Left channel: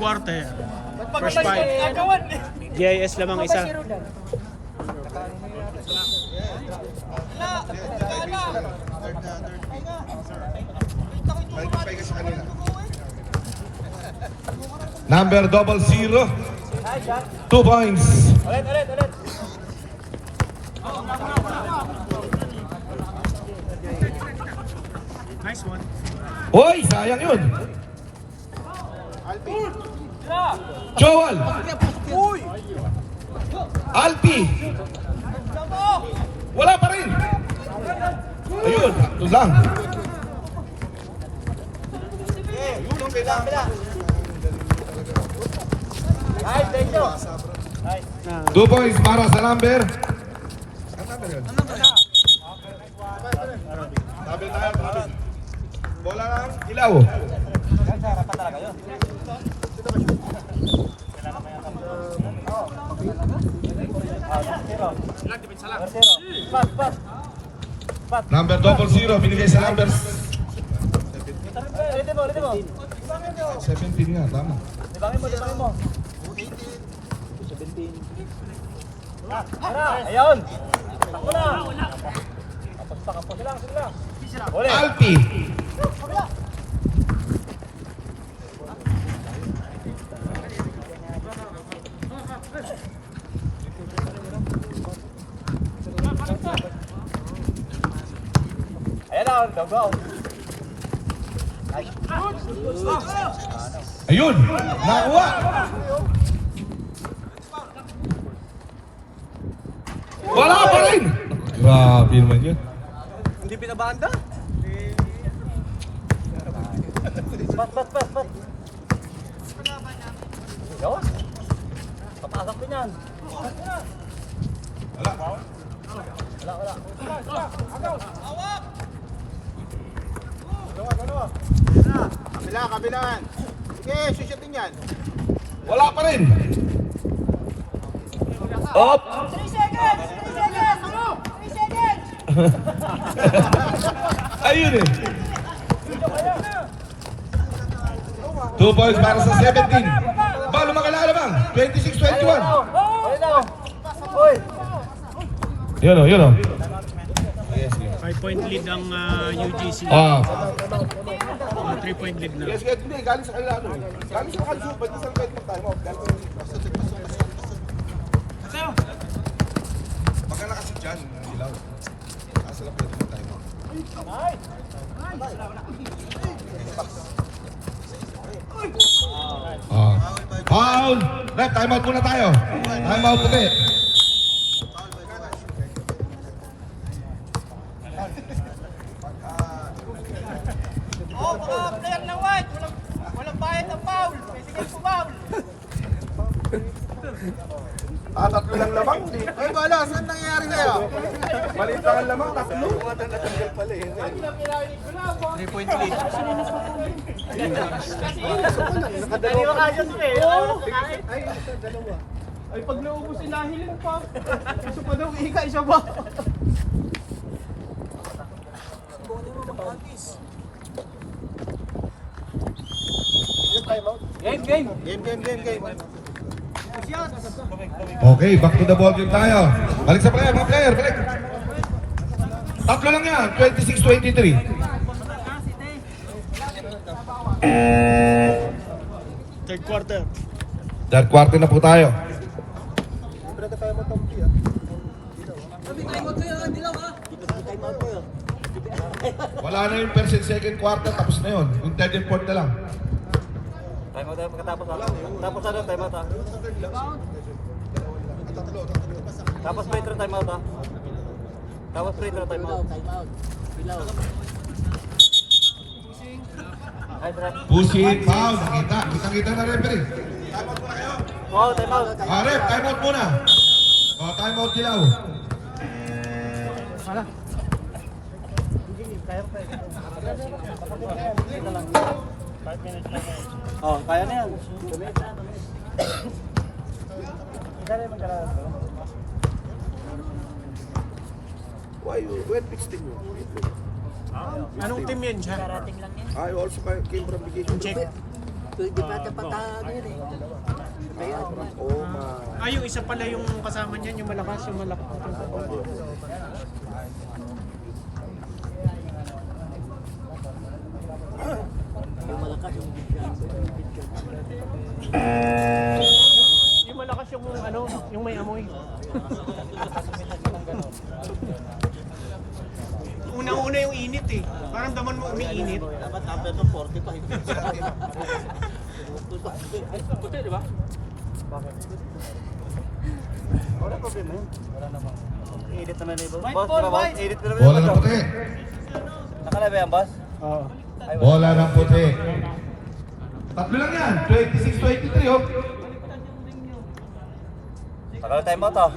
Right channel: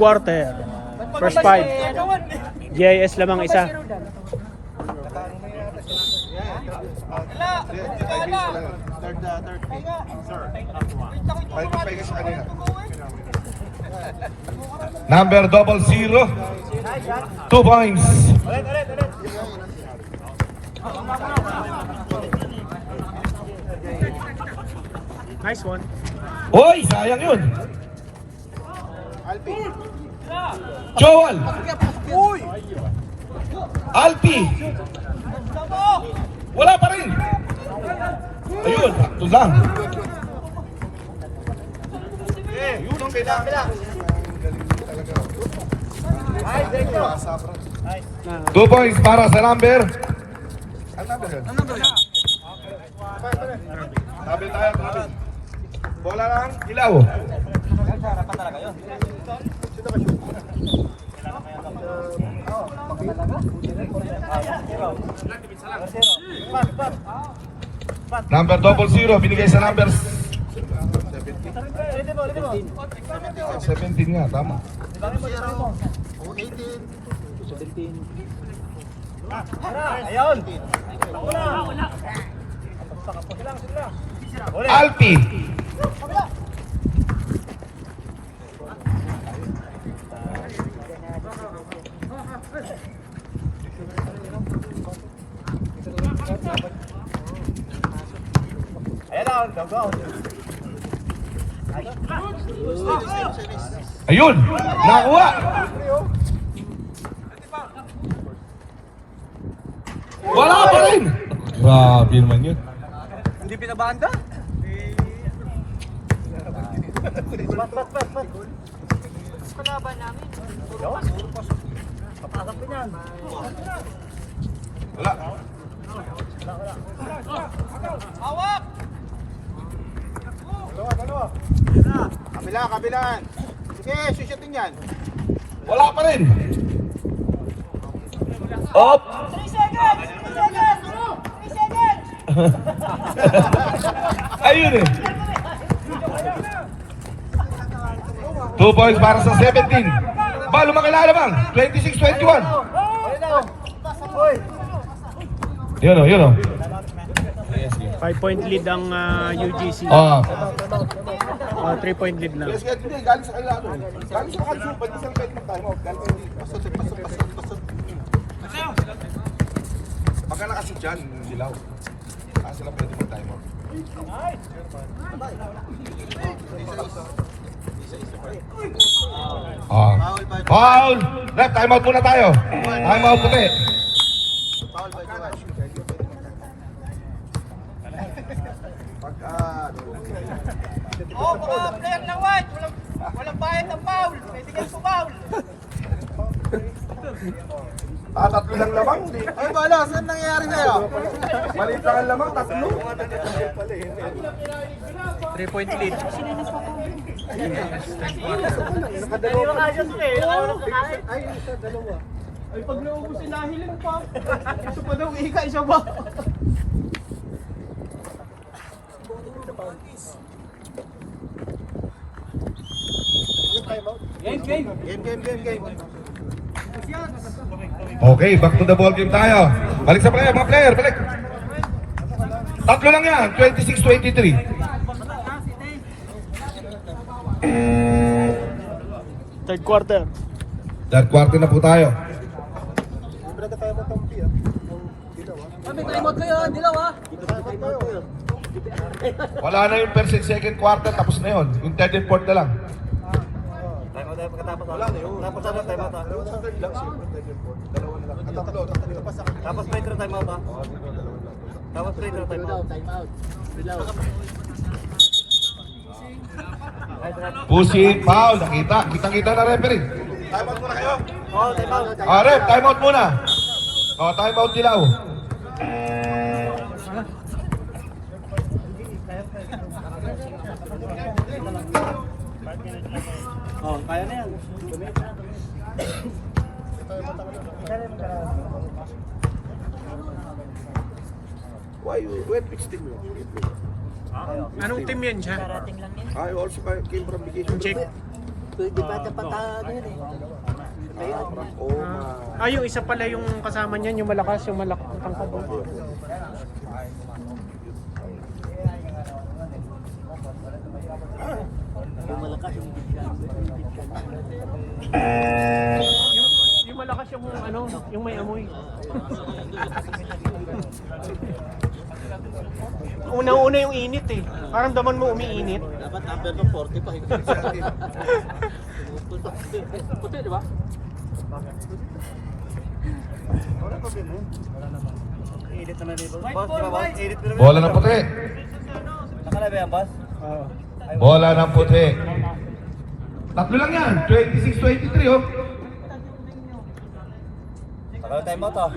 quarter. First five. GIS lamang isa. Number 00, 2 points. Nice one. Hoy, sayang yun. Joel. Alpi. Wala pa rin. Ayun, ito lang. Two points para sa number. Ang number yan? Bola lang, ilaw. Number 00, binigay sa number 17 nga, tama. Ayun. Alpi. Ayun, nakuha. Wala pa rin. Grabe naman yun. Hindi pinabanda? Paglaban namin. Papasok din yan. Wala. Kabilaan. Okay, susutin yan. Wala pa rin. Op. 3 seconds! 3 seconds! Ayun eh. 2 points para sa 17. Balo makilala bang? 26-21. Yun o, yun o. 5-point lead ang UGC. 3-point lead na. Yes, hindi. Galing sa kanila. Galing sa kanila. Ba't isang pwede na tayo? Pagka nakashoot dyan, hindi lang. Kasi lang pwede pa tayo. Foul! Rep, time out muna tayo. Time out puti. Player ng white! Walang bayad ng foul! Pwede kayo sa foul! Tatlo lang lamang. Ay, bala, saan nangyayari kaya? Balita ka lamang, tatlo. 3-point lead. Nakadalawa ka dyan, eh. Ay, pag naubusin nahilin pa. Isa pa daw, ika, isa ba? Game. Game. Okay, back to the ball game tayo. Balik sa player, mga player, balik. Tatlo lang yan, 26-23. Third quarter. Third quarter na po tayo. Kami, time out kayo, dilaw ha? Wala na yung first and second quarter, tapos na yun. Yung third and fourth na lang. Tapos may time out. Tapos free throw time out. Pusi, foul, kita na referee. Time out muna kayo. Wow, time out. Ref, time out muna. Time out dilaw. Kaya na yan. Why you wet pitch team mo? Anong team yun siya? Karating lang yan. I also came from vacation. Check. Pwede pa dapat ano yun eh. Ah, yung isa pala yung kasama niyan, yung malakas, yung malakas. Yung malakas yung ano, yung may amoy. Una-una yung init eh. Parang daman mo umiinit. Dapat number mo 40 pa. Puti, di ba? Wala po din eh. Wala naman. Edit naman ni boss. White ball, white. Edit mo naman. Bola ng puti. Nakalay ba yan, boss? Oo. Bola ng puti. Tatlo lang yan. 26-23 oh. Takal time out ah.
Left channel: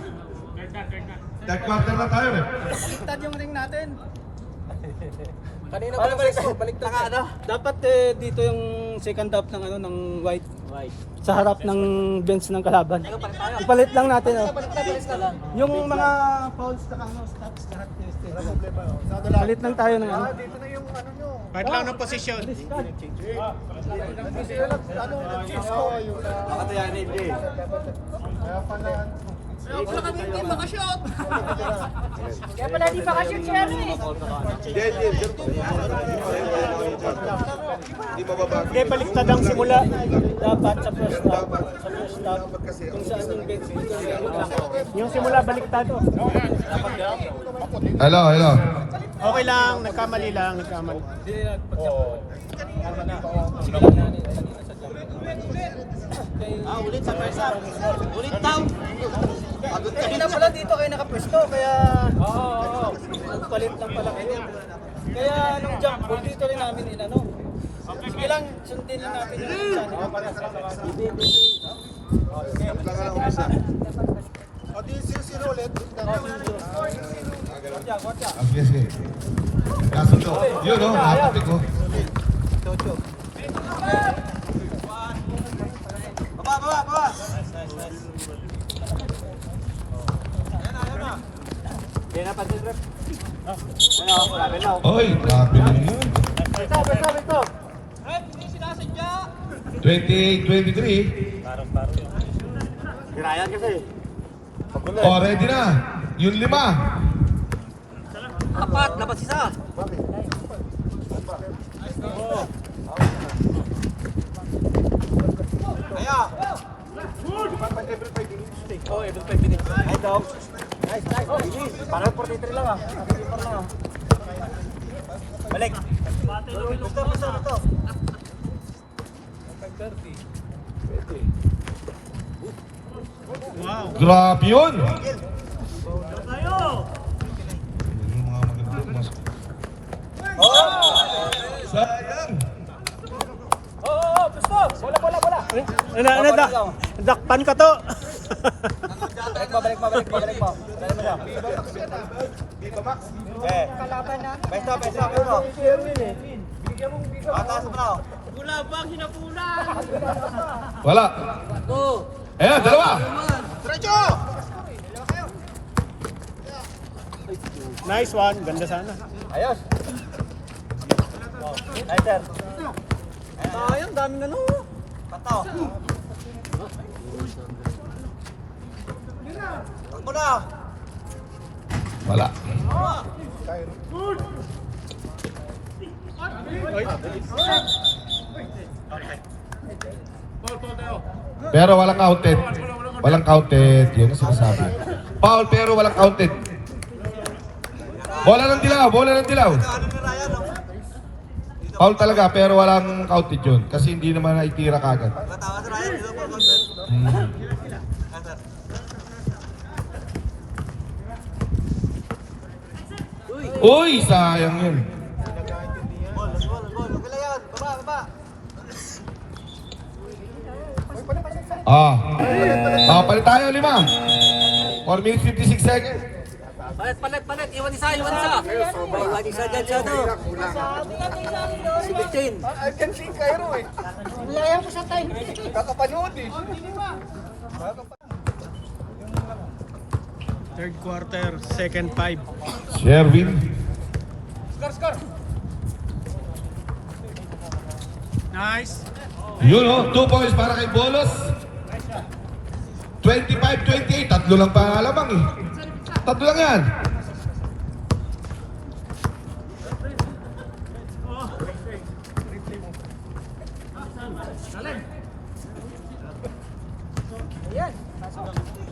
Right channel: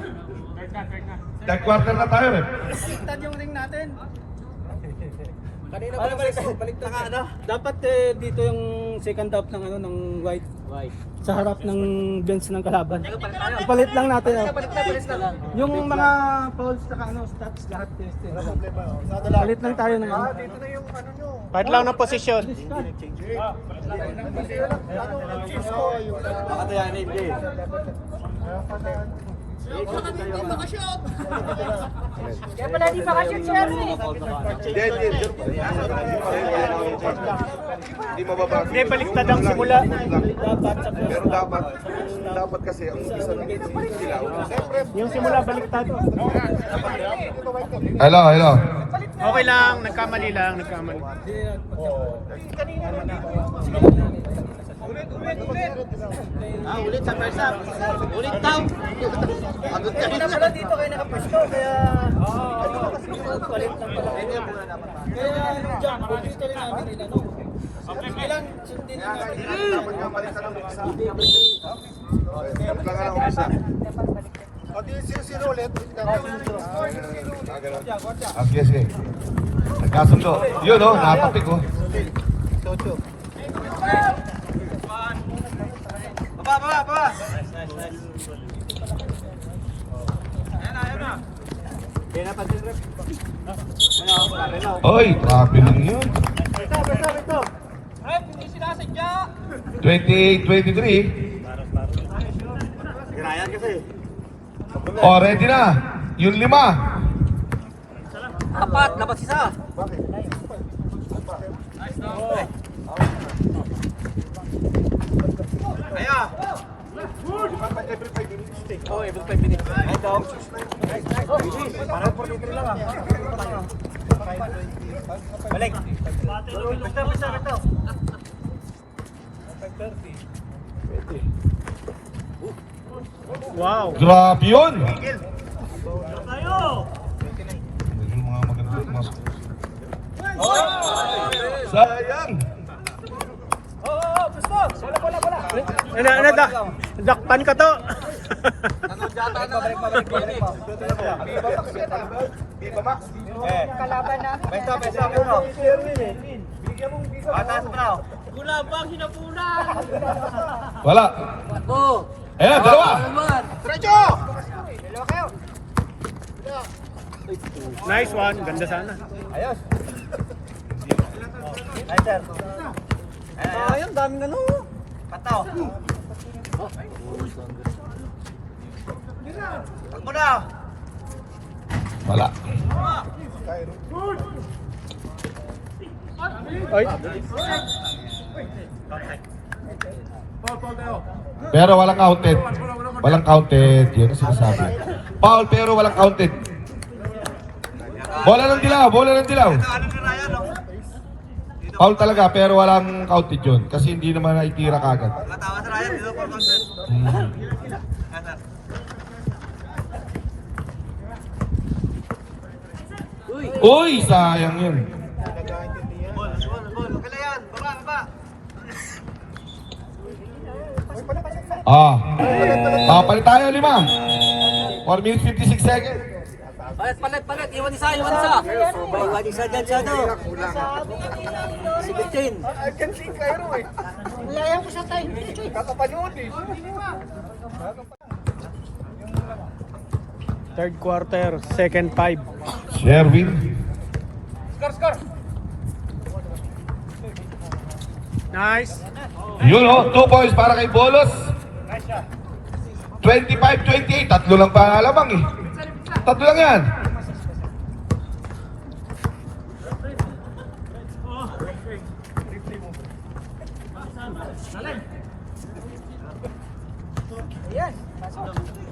Third quarter na tayo eh. Baliktad yung ring natin. Kanina baliktad ka ano? Dapat dito yung second half ng ano ng white. Sa harap ng bench ng kalaban. Ipalit lang natin. Yung mga fouls na ano, stops lahat. Palit lang tayo ng ano. Dito na yung ano nyo. Part lang ng posisyon. Hindi sila ano, nag-change ko. Nakatayan ni Lee. Kaya pala ano. Kaya pala di bakasyon si Ernie. Hindi, baliktad ang simula. Dapat sa first half. Kung saan yung bench. Yung simula, baliktad. Hello, hello. Okay lang, nagkamali lang, nagkamali. Ulit sa persa. Ulit daw. Hindi na pala dito kayo nakapwesto, kaya palit lang pala kayo. Kaya nung jump ball, dito rin namin inano. Sige lang, sundin din natin yung Ang sige. Kaso to. Yun oh, napapit oh. Baba. Oy, grabe lang yun. 20-23. Ginayan kasi. Oh, ready na. Yung 5. Dapat isa. Aya. Oh, every 5 minutes. Ay, dog. Nice. Para 43 lang ah. Balik. Basta. Wow. Grabe yun. Sayang. Dakpan ka to. Balik mo. Pesta mo. Atas mo. Wala bang hinapunan? Wala. Oo. Ayan, dalawa. Nice one. Ganda sana. Ayos. Nice sir. Ayun, dami na no. Pataw. Takbo na. Wala. Pero walang counted. Walang counted. Yun ang sinasabi. Foul pero walang counted. Bola ng dilaw. Ano ni Ryan no? Foul talaga pero walang counted yun. Kasi hindi naman naitira kagad. Matawa si Ryan dito for content. Sir. Uy, sayang yun. Ball. Magkala yan. Baba. Papalit tayo 5. 4 minutes 56 seconds. Palit. Iwan isa. Iwan isa dyan siya no. Sabi nga nila yung 17. I can see Cairo eh. Laya ko sa time. Kakapanood eh. Third quarter, second 5. Sherwin. Nice. Yun oh, 2 points para kay Bolos. 25-28. Tatlo lang pa alamang eh. Tatlo lang yan.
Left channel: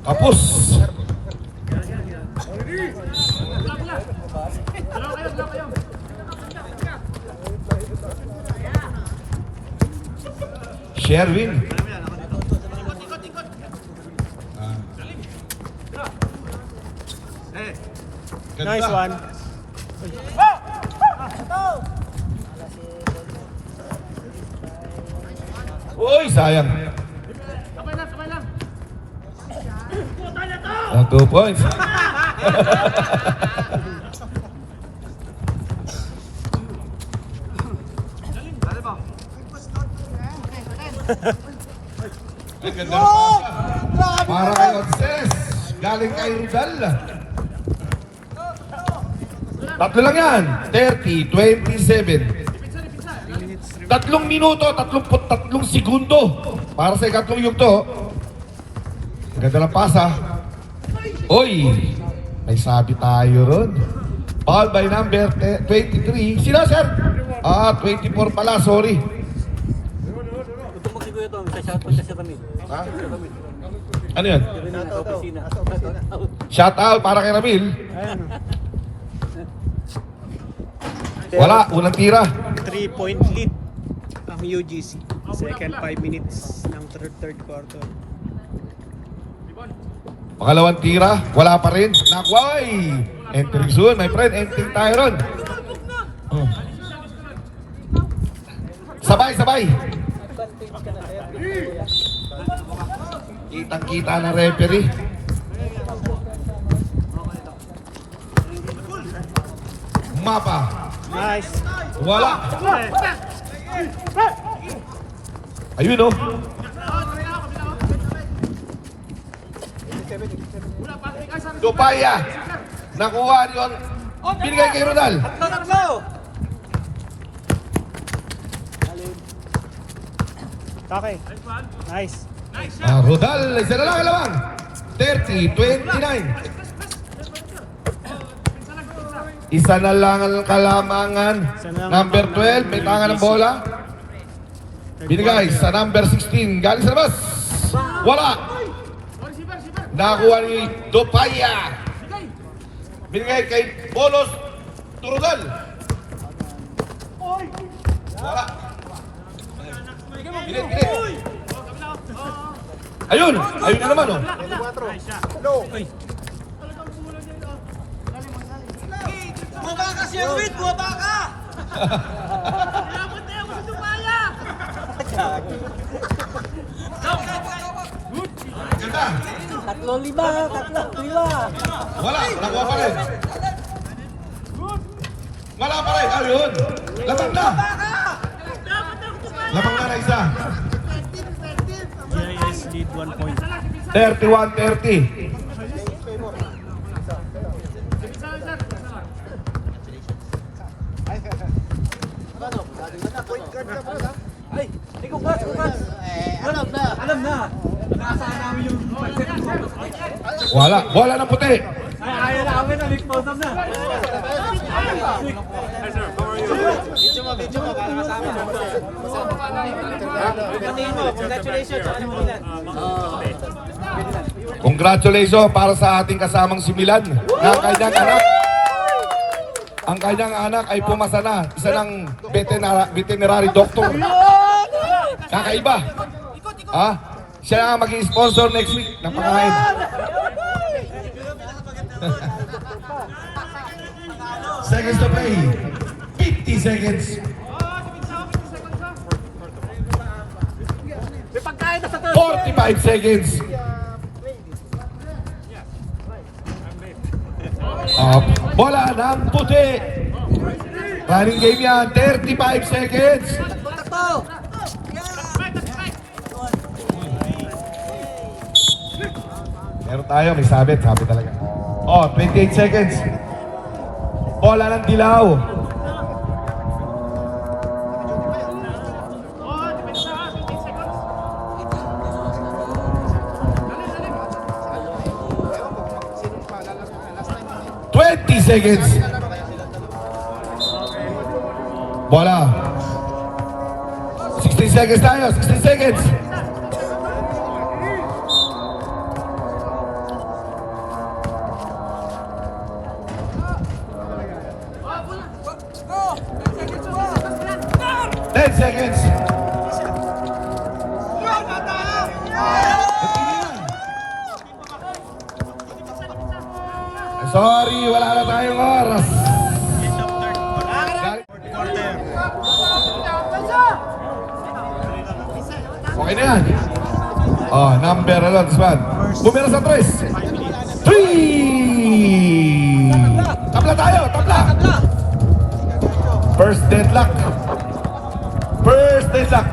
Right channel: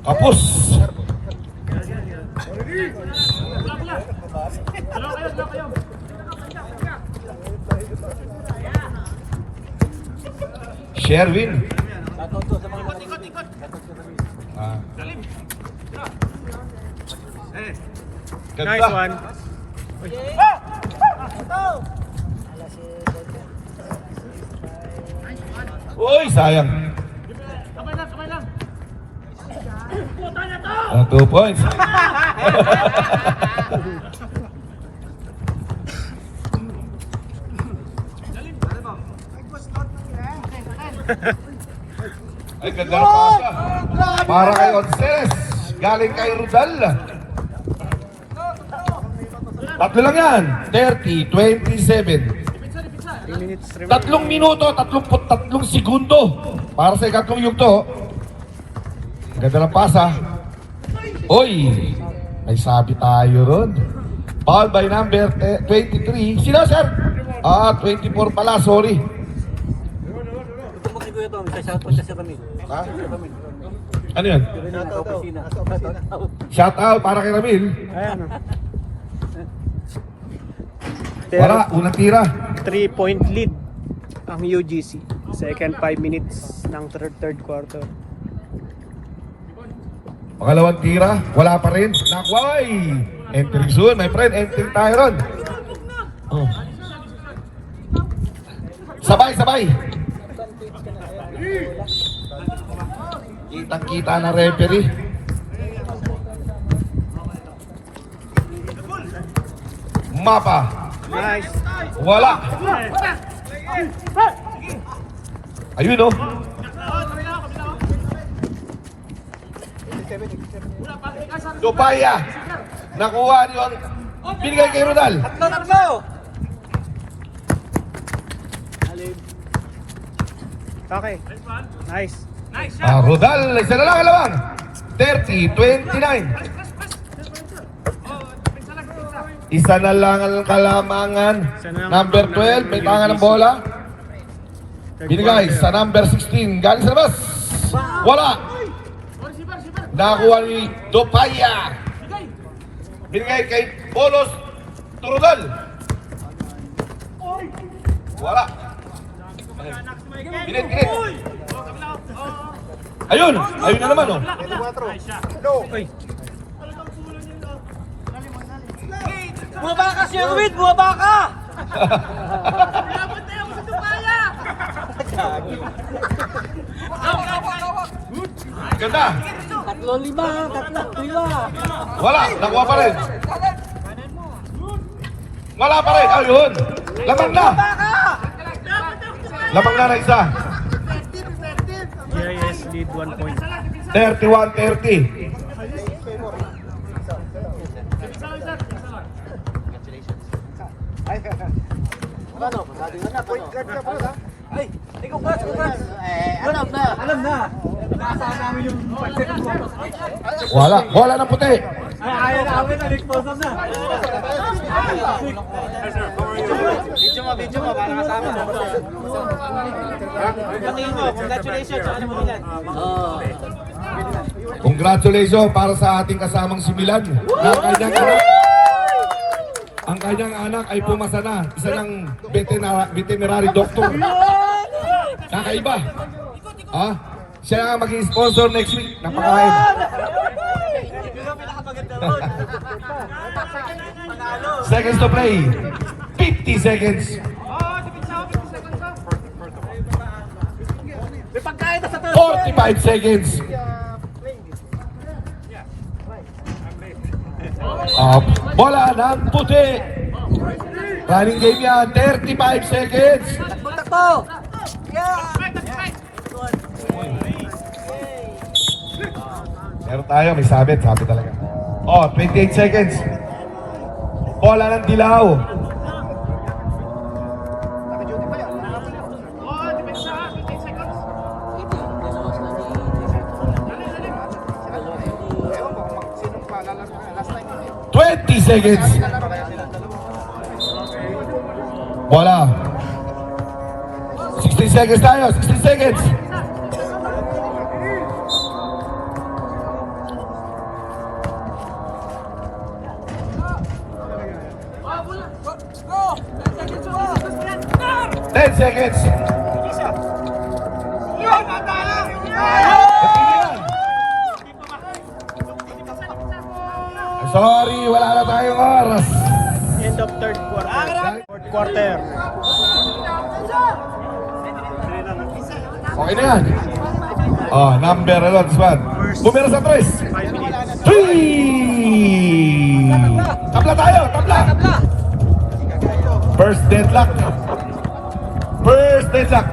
Tapos. Sherwin. Ganda. Nice one. Uy, sayang. 2 points. Ay, ganda na pasa. Para kay Onces. Galing kay Rudal. Tatlo lang yan. 30-27. 3 minuto, 33 segundo. Para sa ikatlong yugto. Ganda ng pasa. Uy, may sabi tayo ron. Foul by number 23. Sino, sir? 24 pala, sorry. Ha? Ano yan? Shout out para kay Ramil. Wala, unang tira. 3-point lead ang UGC. Second 5 minutes ng third quarter. Pangalawang tira, wala pa rin. Nakway! Entering soon, my friend. Entering tayo ron. Oh. Sabay, sabay. Kitang-kita na referee. Mapa. Nice. Wala. Ayun, oh. Dupaya. Nakuha niyo ang binigay kay Ronald. Okay. Nice. Rodal, isa na lang alawang. 30-29. Isa na lang ang kalamangan. Number 12, may tanga ng bola. Binigay sa number 16. Galing sa labas. Wala. Nakuha ni Dopaya. Binigay kay Bolos Turudal. Wala. Binigay. Ayun. Ayun na naman, oh. Uy. Bumaba ka, Sherwin! Bumaba ka! Ganda. 3-5. Wala. Nakuha pa rin. Wala pa rin. Ayun. Lapag na. Lapag na isa. GIS lead 1 point. 31-30. Wala. Bola ng puti. Ayaw na kami, na-expose na. Congratulations para sa ating kasamang si Milan na kanyang anak. Ang kanyang anak ay pumasa na. Isa ng veterinary doctor. Kakaiba. Ha? Siya ang maging sponsor next week ng pagkain. Seconds to play. 50 seconds. $45 seconds. Bola ng puti. Running game yan. 35 seconds. Meron tayo, may sabit talaga. 28 seconds. Bola ng dilaw. 20 seconds. Wala. 16 seconds tayo, 16 seconds. Ten seconds. Sorry, wala na tayong oras. End of third quarter. Fourth quarter. Okay na yan. Oh, number alert, Swan. Bumira sa 3. 3! Tabla tayo, tabla! First deadlock. First deadlock.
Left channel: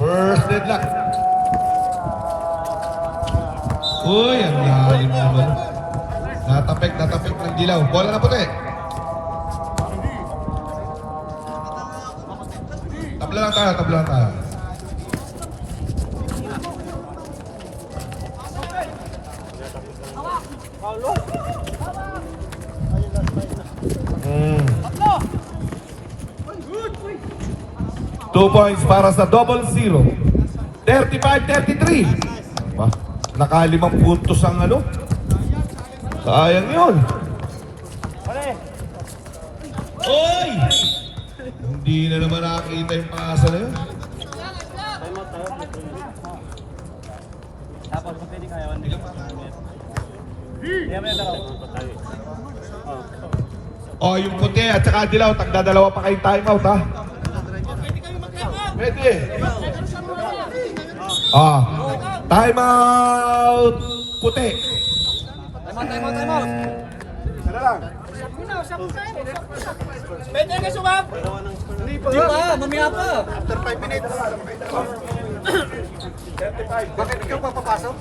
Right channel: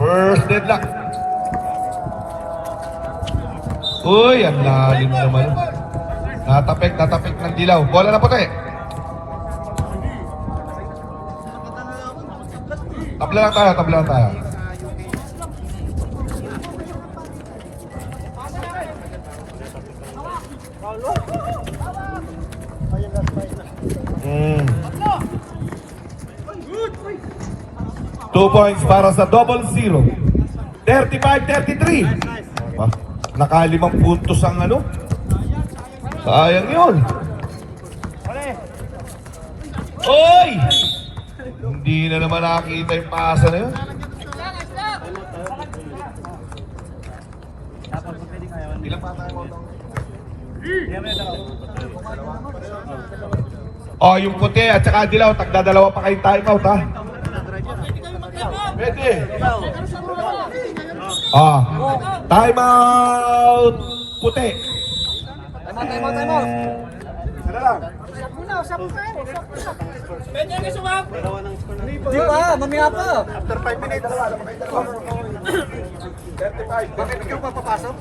First deadlock. Uy, ang lalim naman. Natapik ng dilaw. Bola na pala eh. Tabla lang tayo, tabla lang tayo. Mm. 2 points para sa 0-0. 35-33. Wah, nakalimang puntos ang ano. Sayang yun. Oy! Hindi na naman nakakita yung pasa na yun. Ilan pa tayo? Oh, yung puti at saka dilaw, tagdadalawa pa kayong timeout ha. Pwede. Ah, timeout puti. Pwede nga sumap. Di pa, mamaya pa. After 5 minutes. Bakit ikaw papapasok?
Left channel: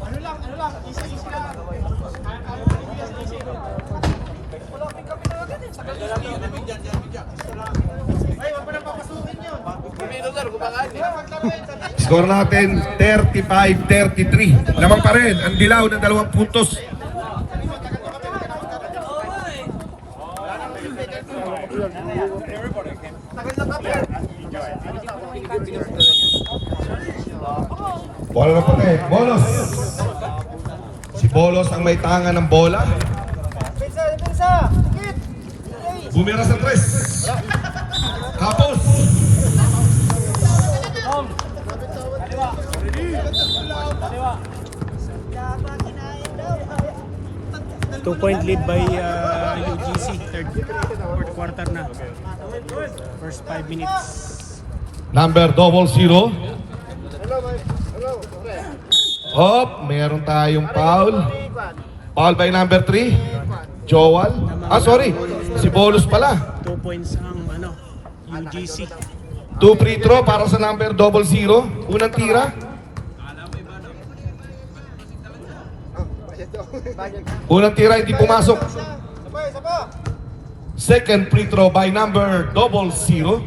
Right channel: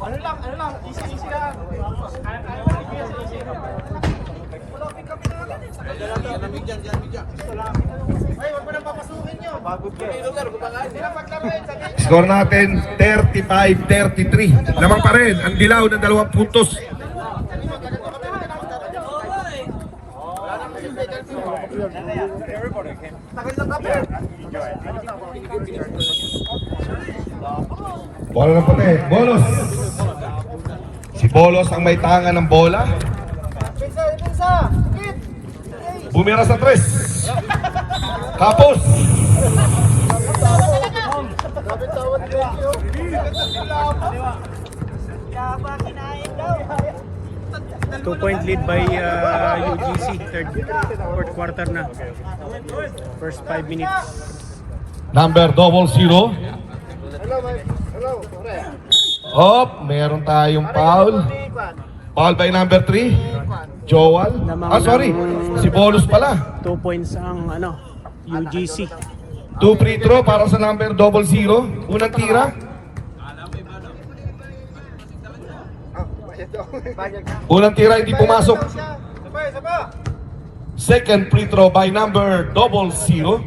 Ano lang, easy lang. Ay, wag mo na papasukin nyo. Score natin 35-33. Lamang pa rin ang dilaw ng 2 puntos. Bola ng puti. Bolos. Si Bolos ang may tangan ng bola. Bumira sa 3. Tapos. Two-point lead by UGC. Fourth quarter na. First 5 minutes. Number 00. Hop, meron tayong foul. Foul by number 3. Joel. Ah, sorry. Si Bolos pala. 2 points ang UGC. 2 free throw para sa number 00. Unang tira. Unang tira hindi pumasok. Second free throw by number 00.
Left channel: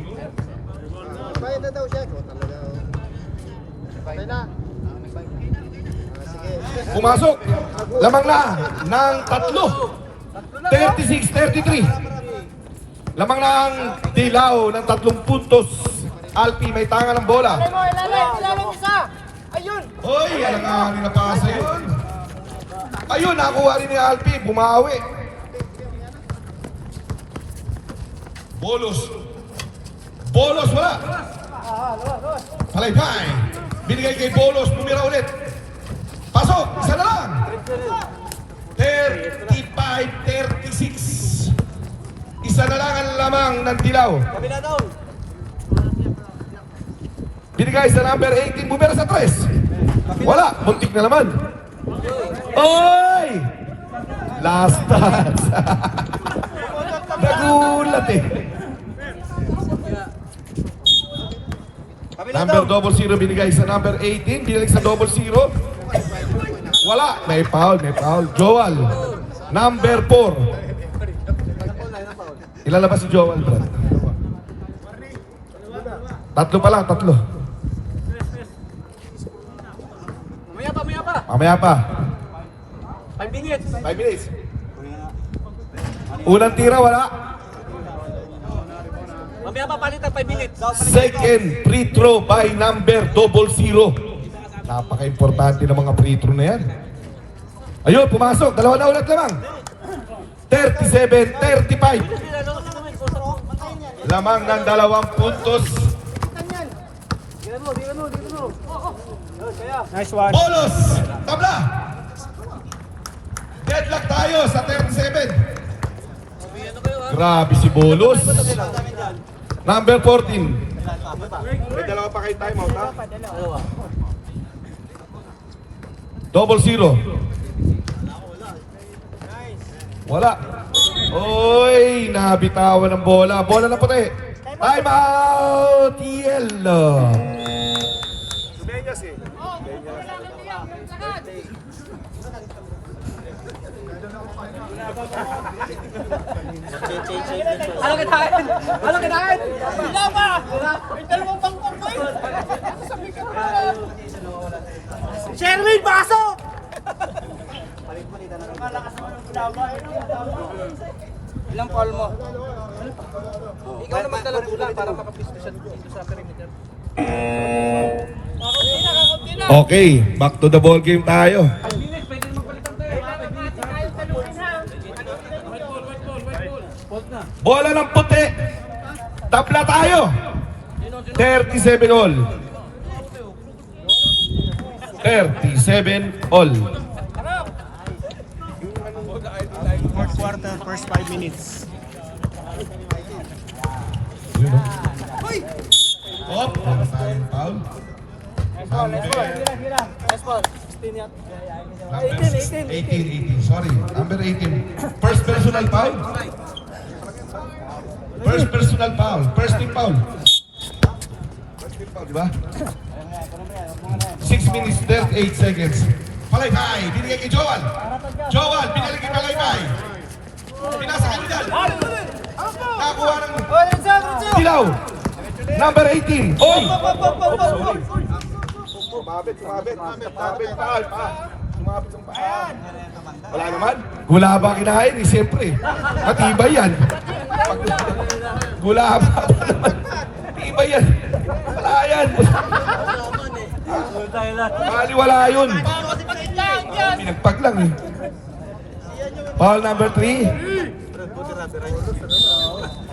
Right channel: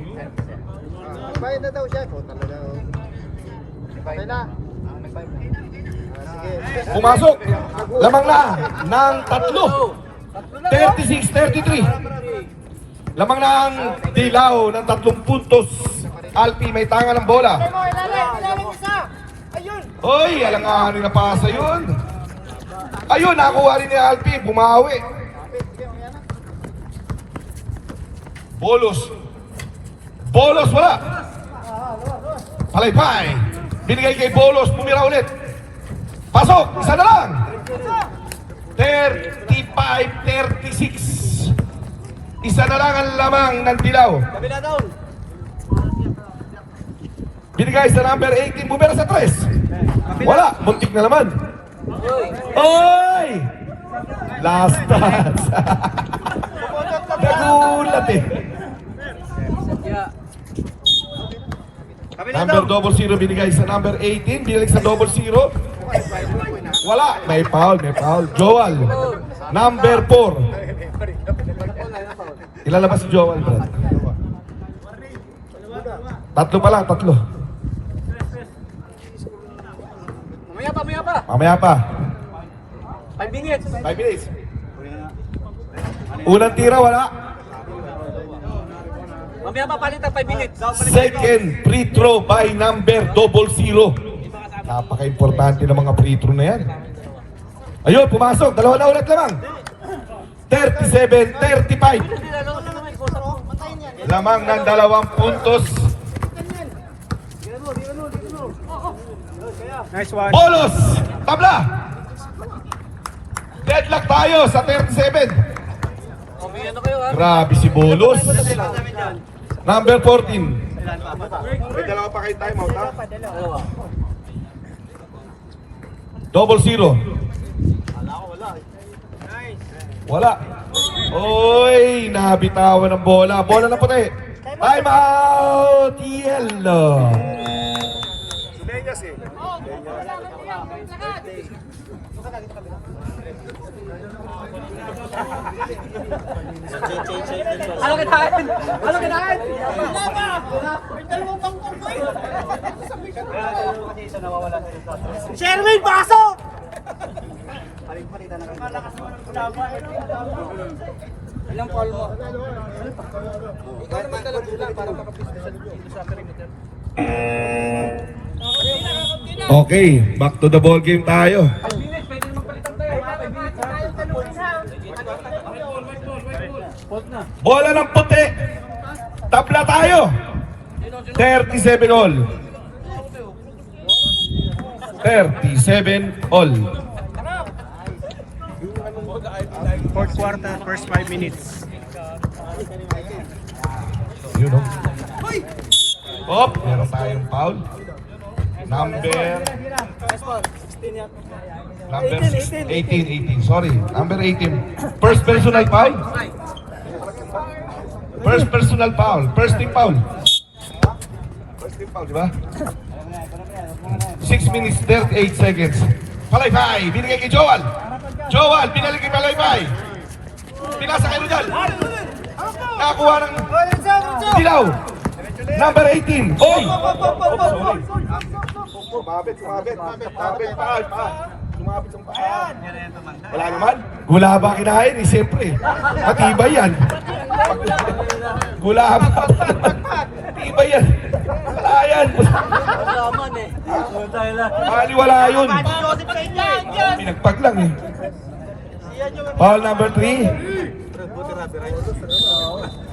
Pumasok. Lamang na ng 3. 36-33. Lamang na ang dilaw ng 3 puntos. Alpi may tanga ng bola. Hoy, alanganin na pasa yun. Ayun, nakuha rin ni Alpi. Bumawi. Bolos. Bolos, wala. Palaypay. Binigay kay Bolos. Bumira ulit. Pasok. Isa na lang. 35-36. Isa na lang ang lamang ng dilaw. Binigay sa number 18. Bumira sa 3. Wala. Muntik na naman. Oy! Last dance. Nagulat eh. Number 00 binigay sa number 18. Binigay sa 00. Wala. May foul, may foul. Joel. Number 4. Ilalabas si Joel, bro. 3 pa lang, 3. Mamaya pa. 5 minutes. 5 minutes. Unang tira, wala. Mamaya pa palitan 5 minutes. Second free throw by number 00. Napaka-importante ng mga free throw na yan. Ayun, pumasok. Dalawa na ulit lamang. 37-35. Lamang ng 2 puntos. Nice one. Bolos! Tabla! Deadlock tayo sa 37. Grabe si Bolos. Number 14. Double zero. Wala. Oy, nabitawan ng bola. Bola na puti. Time out! Yellow. Ano kinain? Ano kinain? Wala pa! May dalawang bangkong ko eh! Sherwin, pasok! Ilang foul mo? Ikaw na magdala bola para makapisto siya dito sa perimeter. Okay, back to the ball game tayo. Bola ng puti. Tabla tayo. 37 all. 37 all. Fourth quarter, first 5 minutes. Oh, meron tayong foul. Number 18. Sorry, number 18. First personal foul. First personal foul. First team foul. Diba? 6 minutes 38 seconds. Palaypay, binigay kay Joel. Joel, binalik kay Palaypay. Pinasa kayo dyan. Nakakuha ng dilaw. Number 18. Oy! Wala naman. Gula ba kinain? Eh, siyempre. Matibay yan. Gula ba? Matibay yan. Wala yan. Bali wala yun. Pinagpag lang eh. Foul number 3.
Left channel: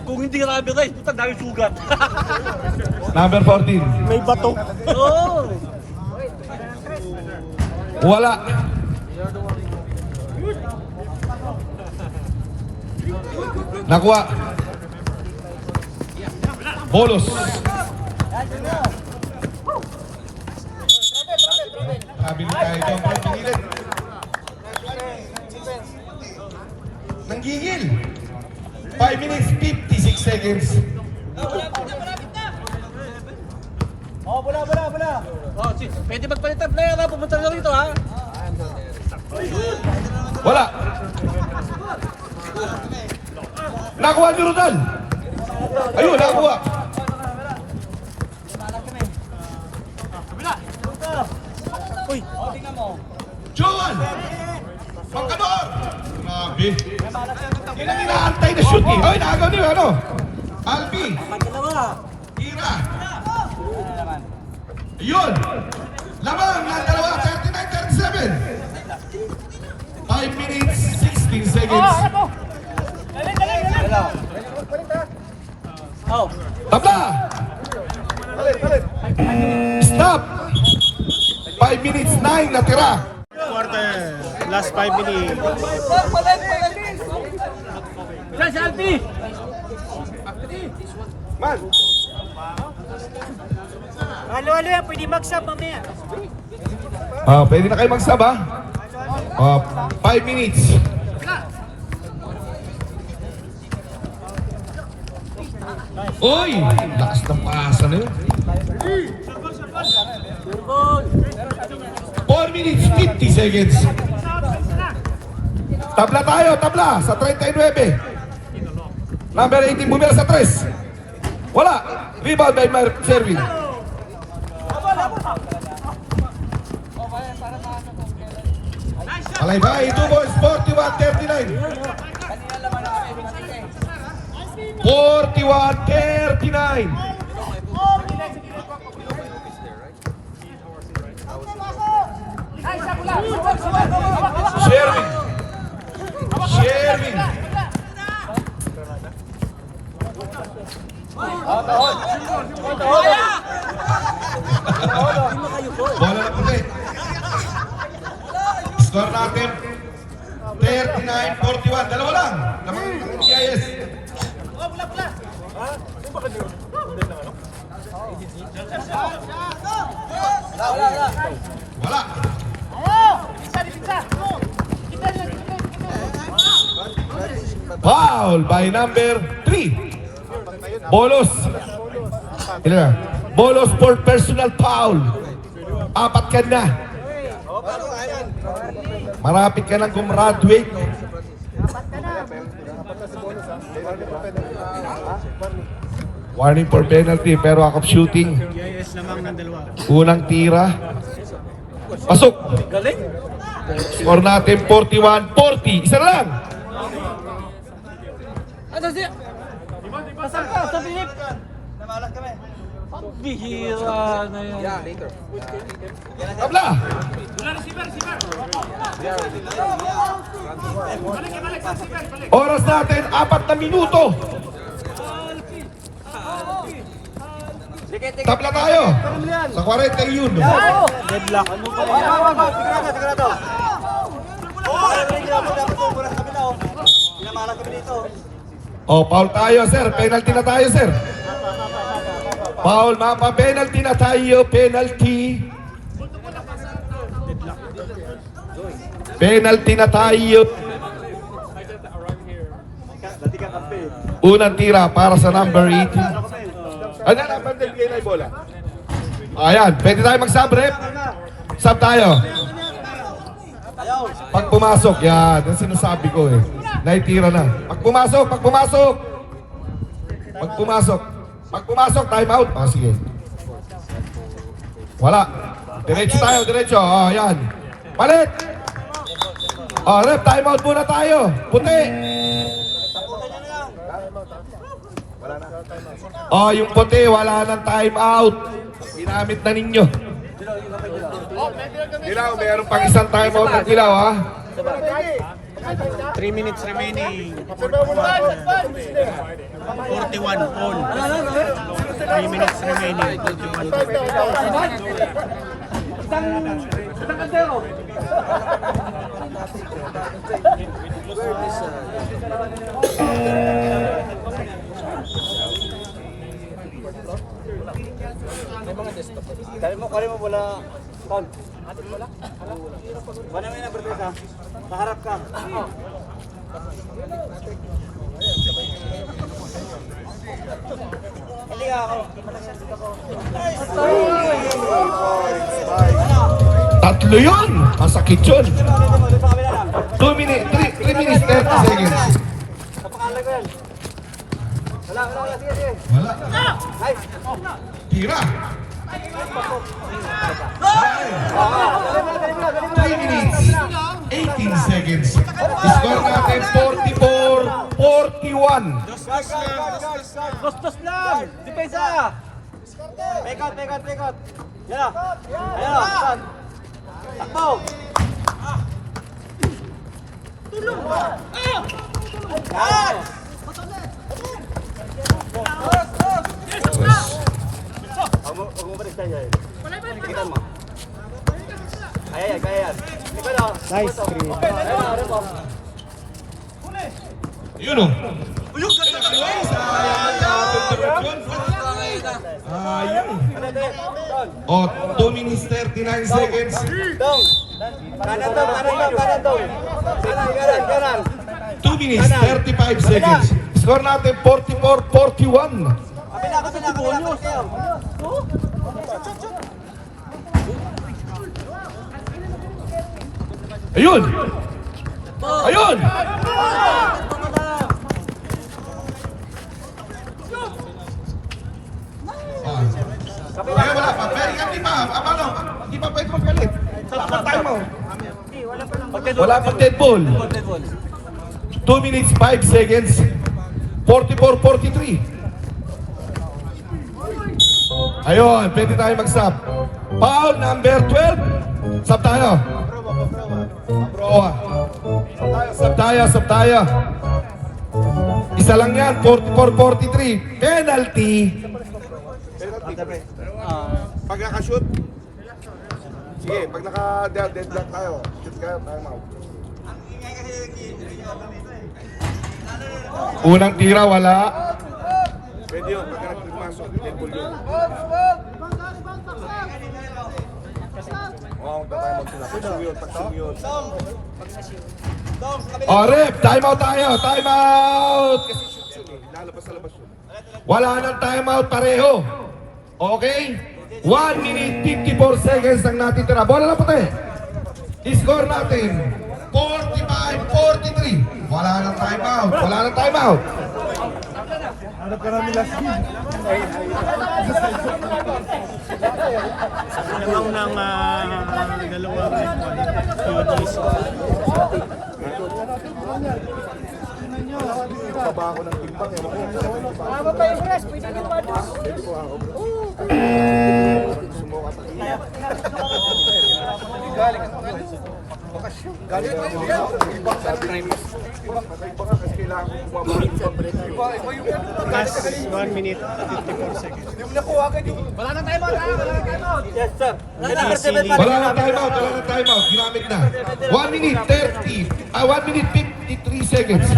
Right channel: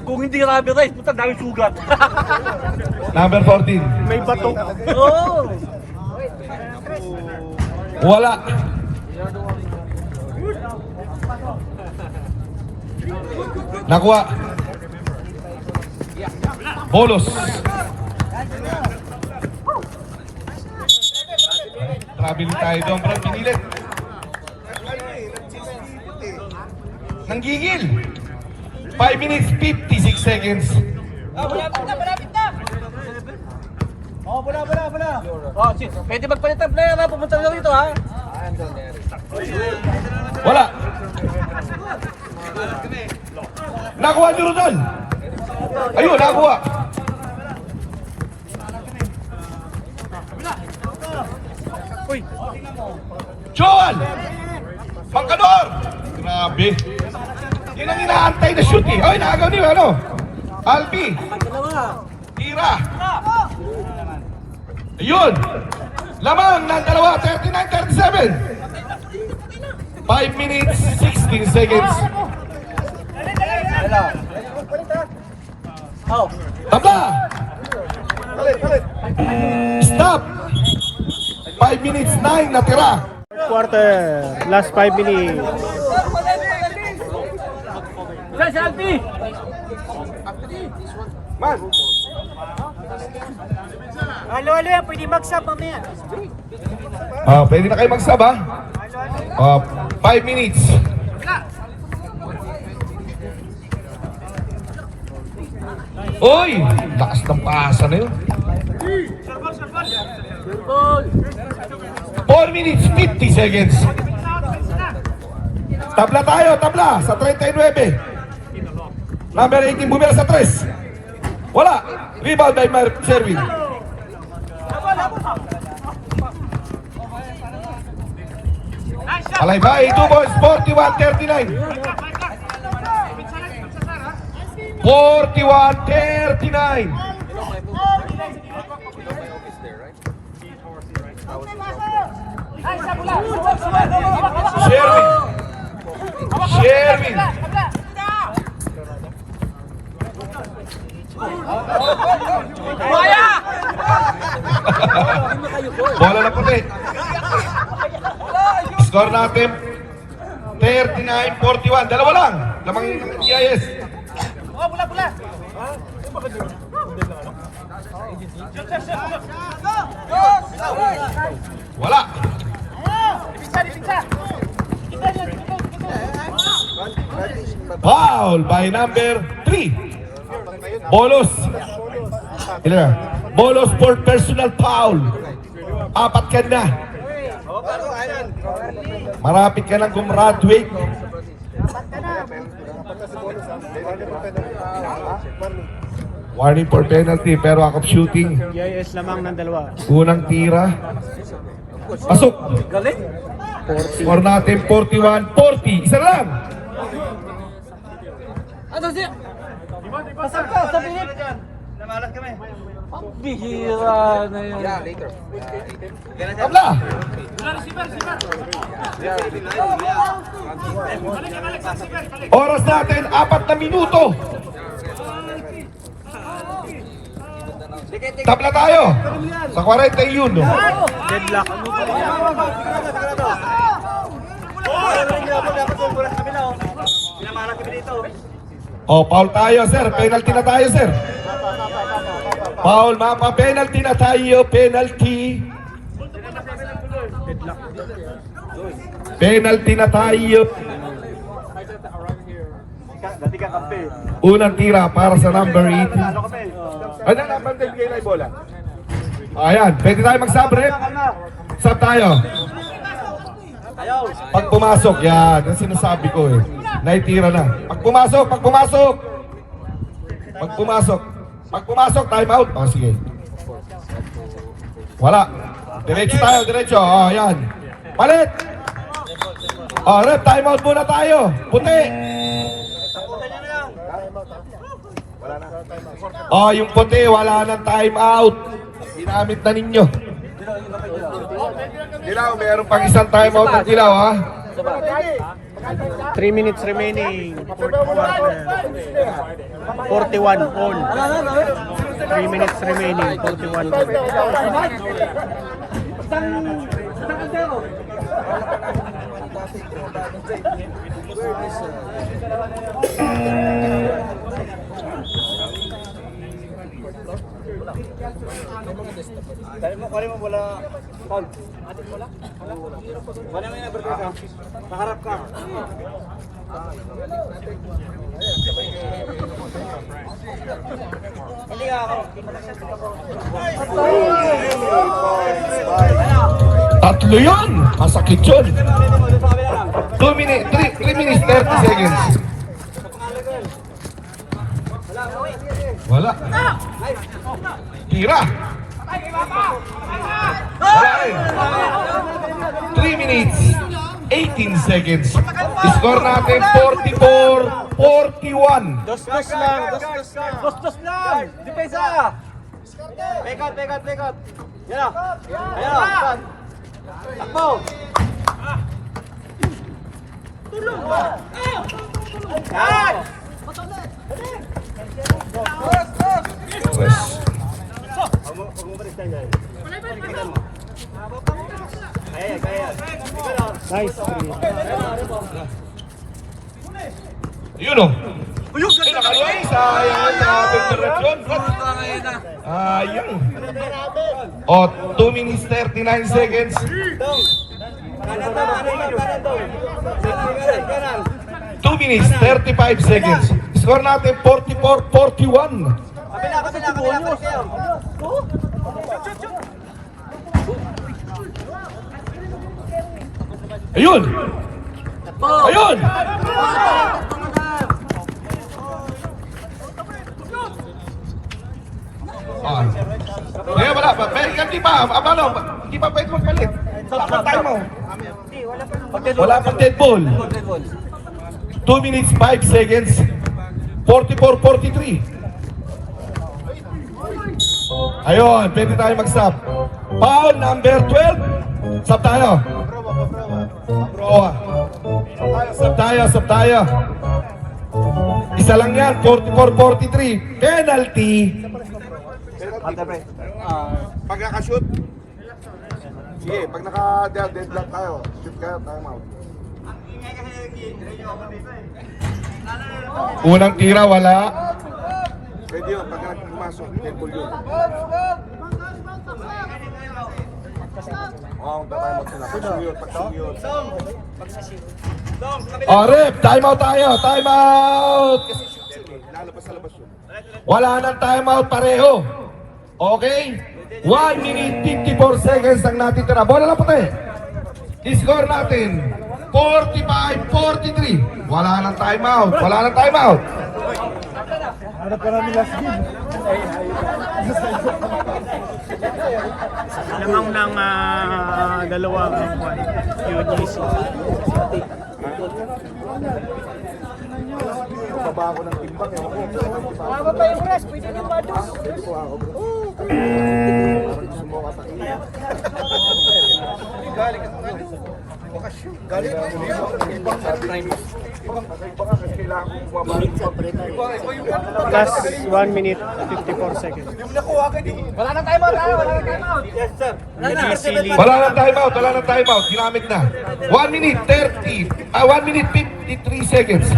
Kung hindi rubber rice, puta dami sugat. Number 14. May bato. Wala. Nakuha. Bolos. Sabili tayo doon, Brad. Pinilit. Nanggigil. 5 minutes, 56 seconds. Oh, shit. Pwede magpalit ng player na pumunta lang dito ha. Wala. Nakuha ni Rodal. Ayun, nakuha. Joel! Pangkador! Grabe. Yun ang inaantay na shoot eh. Ay, nakagaw din ano? Albi. Tira. Ayun. Lamang ng dalawa, 39-37. 5 minutes, 16 seconds. Tabla! Stop! 5 minutes, 9 na tira. Fourth quarter, last 5 minutes. Salty! Halo, pwede mag-sub mamaya. Pwede na kayo mag-sub ha? 5 minutes. Oy! Lakas ng paasa na yun. 4 minutes, 50 seconds. Tabla tayo, tabla sa 39. Number 18, bumira sa 3. Wala. Rebound by Mark Sherwin. Alaybay, 2 balls, 41-39. 41-39. Sherwin. Sherwin. Bola na puti. Score natin 39-41. Dalawa lang. Lamang GIS. Wala. Foul by number 3. Bolos. Ilan na? Bolos for personal foul. 4 ka na. Marapit ka nang gumraduate. Warning for penalty pero akop shooting. GIS lamang ng dalawa. Unang tira. Pasok. Galing. Score natin 41-40. Isa na lang. Ano siya? Bihira na yun. Tabla. Oras natin 4 na minuto. Tabla tayo. Sa 40 yun. Deadlock. Sigurado. Oh, hindi ako dapat buras kami na oh. Pinamalat kami dito. Oh, foul tayo, sir. Penalty na tayo, sir. Foul, mapa. Penalty na tayo. Penalty. Deadlock. Penalty na tayo. Unang tira para sa number 18. Ano na, bandel bigay na yung bola. Ayan, pwede tayo mag-sub, rep. Sub tayo. Pag pumasok, yan. Yan sinasabi ko eh. Naitira na. Pag pumasok, pag pumasok. Pag pumasok. Pag pumasok, time out. Oh, sige. Wala. Diretso tayo, diretso. Oh, yan. Palit. Oh, rep, time out muna tayo. Puti. Oh, yung puti, wala nang time out. Ginamit na ninyo. Dilaw, mayroon pang isang time out ng Dilaw, ha? 3 minutes remaining. 41 all. 3 minutes remaining. 41 all. Isang kandero. Kali mo wala Paul. Mana may nagprotect ka? Kaharap ka. Hindi ka ako. Tatlo yun! Masakit yun! 2 minutes, 3 minutes, 30 seconds. Wala. Tira! 3 minutes, 18 seconds. Score natin 44-41. Dos lang. Dos lang. Di kayo isa. Take out. Yan. Yan. Akbo. Tulong. Yan. Nice. 3. Yun o. Uyog, ganda ka eh. O, 2 minutes 39 seconds. Kanan daw. Kanan. 2 minutes 35 seconds. Score natin 44-41. Kabila. Ayun! Ayun! Ah. Kaya wala pa. Pero hindi pa. Abalo. Hindi pa pwede mong galit. Tayo mo. Wala pang dead ball. 2 minutes 5 seconds. 44-43. Ayun, pwede tayo mag-stop. Foul number 12. Stop tayo. Stop tayo. Isa lang yan, 44-43. Penalty. Pagkakashoot. Sige, pag naka-deadlock tayo, shoot kayo, time out. Unang tira, wala. Pwede yun, pagka nagpumasok, dead ball yun. Oo, tayo mag-shoot. Rep, time out tayo. Time out. Lalo pa sa labas yun. Wala nang time out pareho. Okay? 1 minute 54 seconds ang natitira. Bola na puti. I-score natin. 45-43. Wala nang time out. Lamang ng dalawang UGC. Baba ako ng timbang, ewan ko. Tama pa yung rest, pwede din mados. Pwede po ako, bro. Parang gusto mo katakin. Galing ka ibang sabi ng ibang ka kasi kailangan ko bumaba ng ibang. Iba yung Last 1 minute 54 seconds. Wala nang time out tayo, wala nang time out. Yes, sir. Wala nang time out. Ginamit na. 1 minute 1 minute 53 seconds.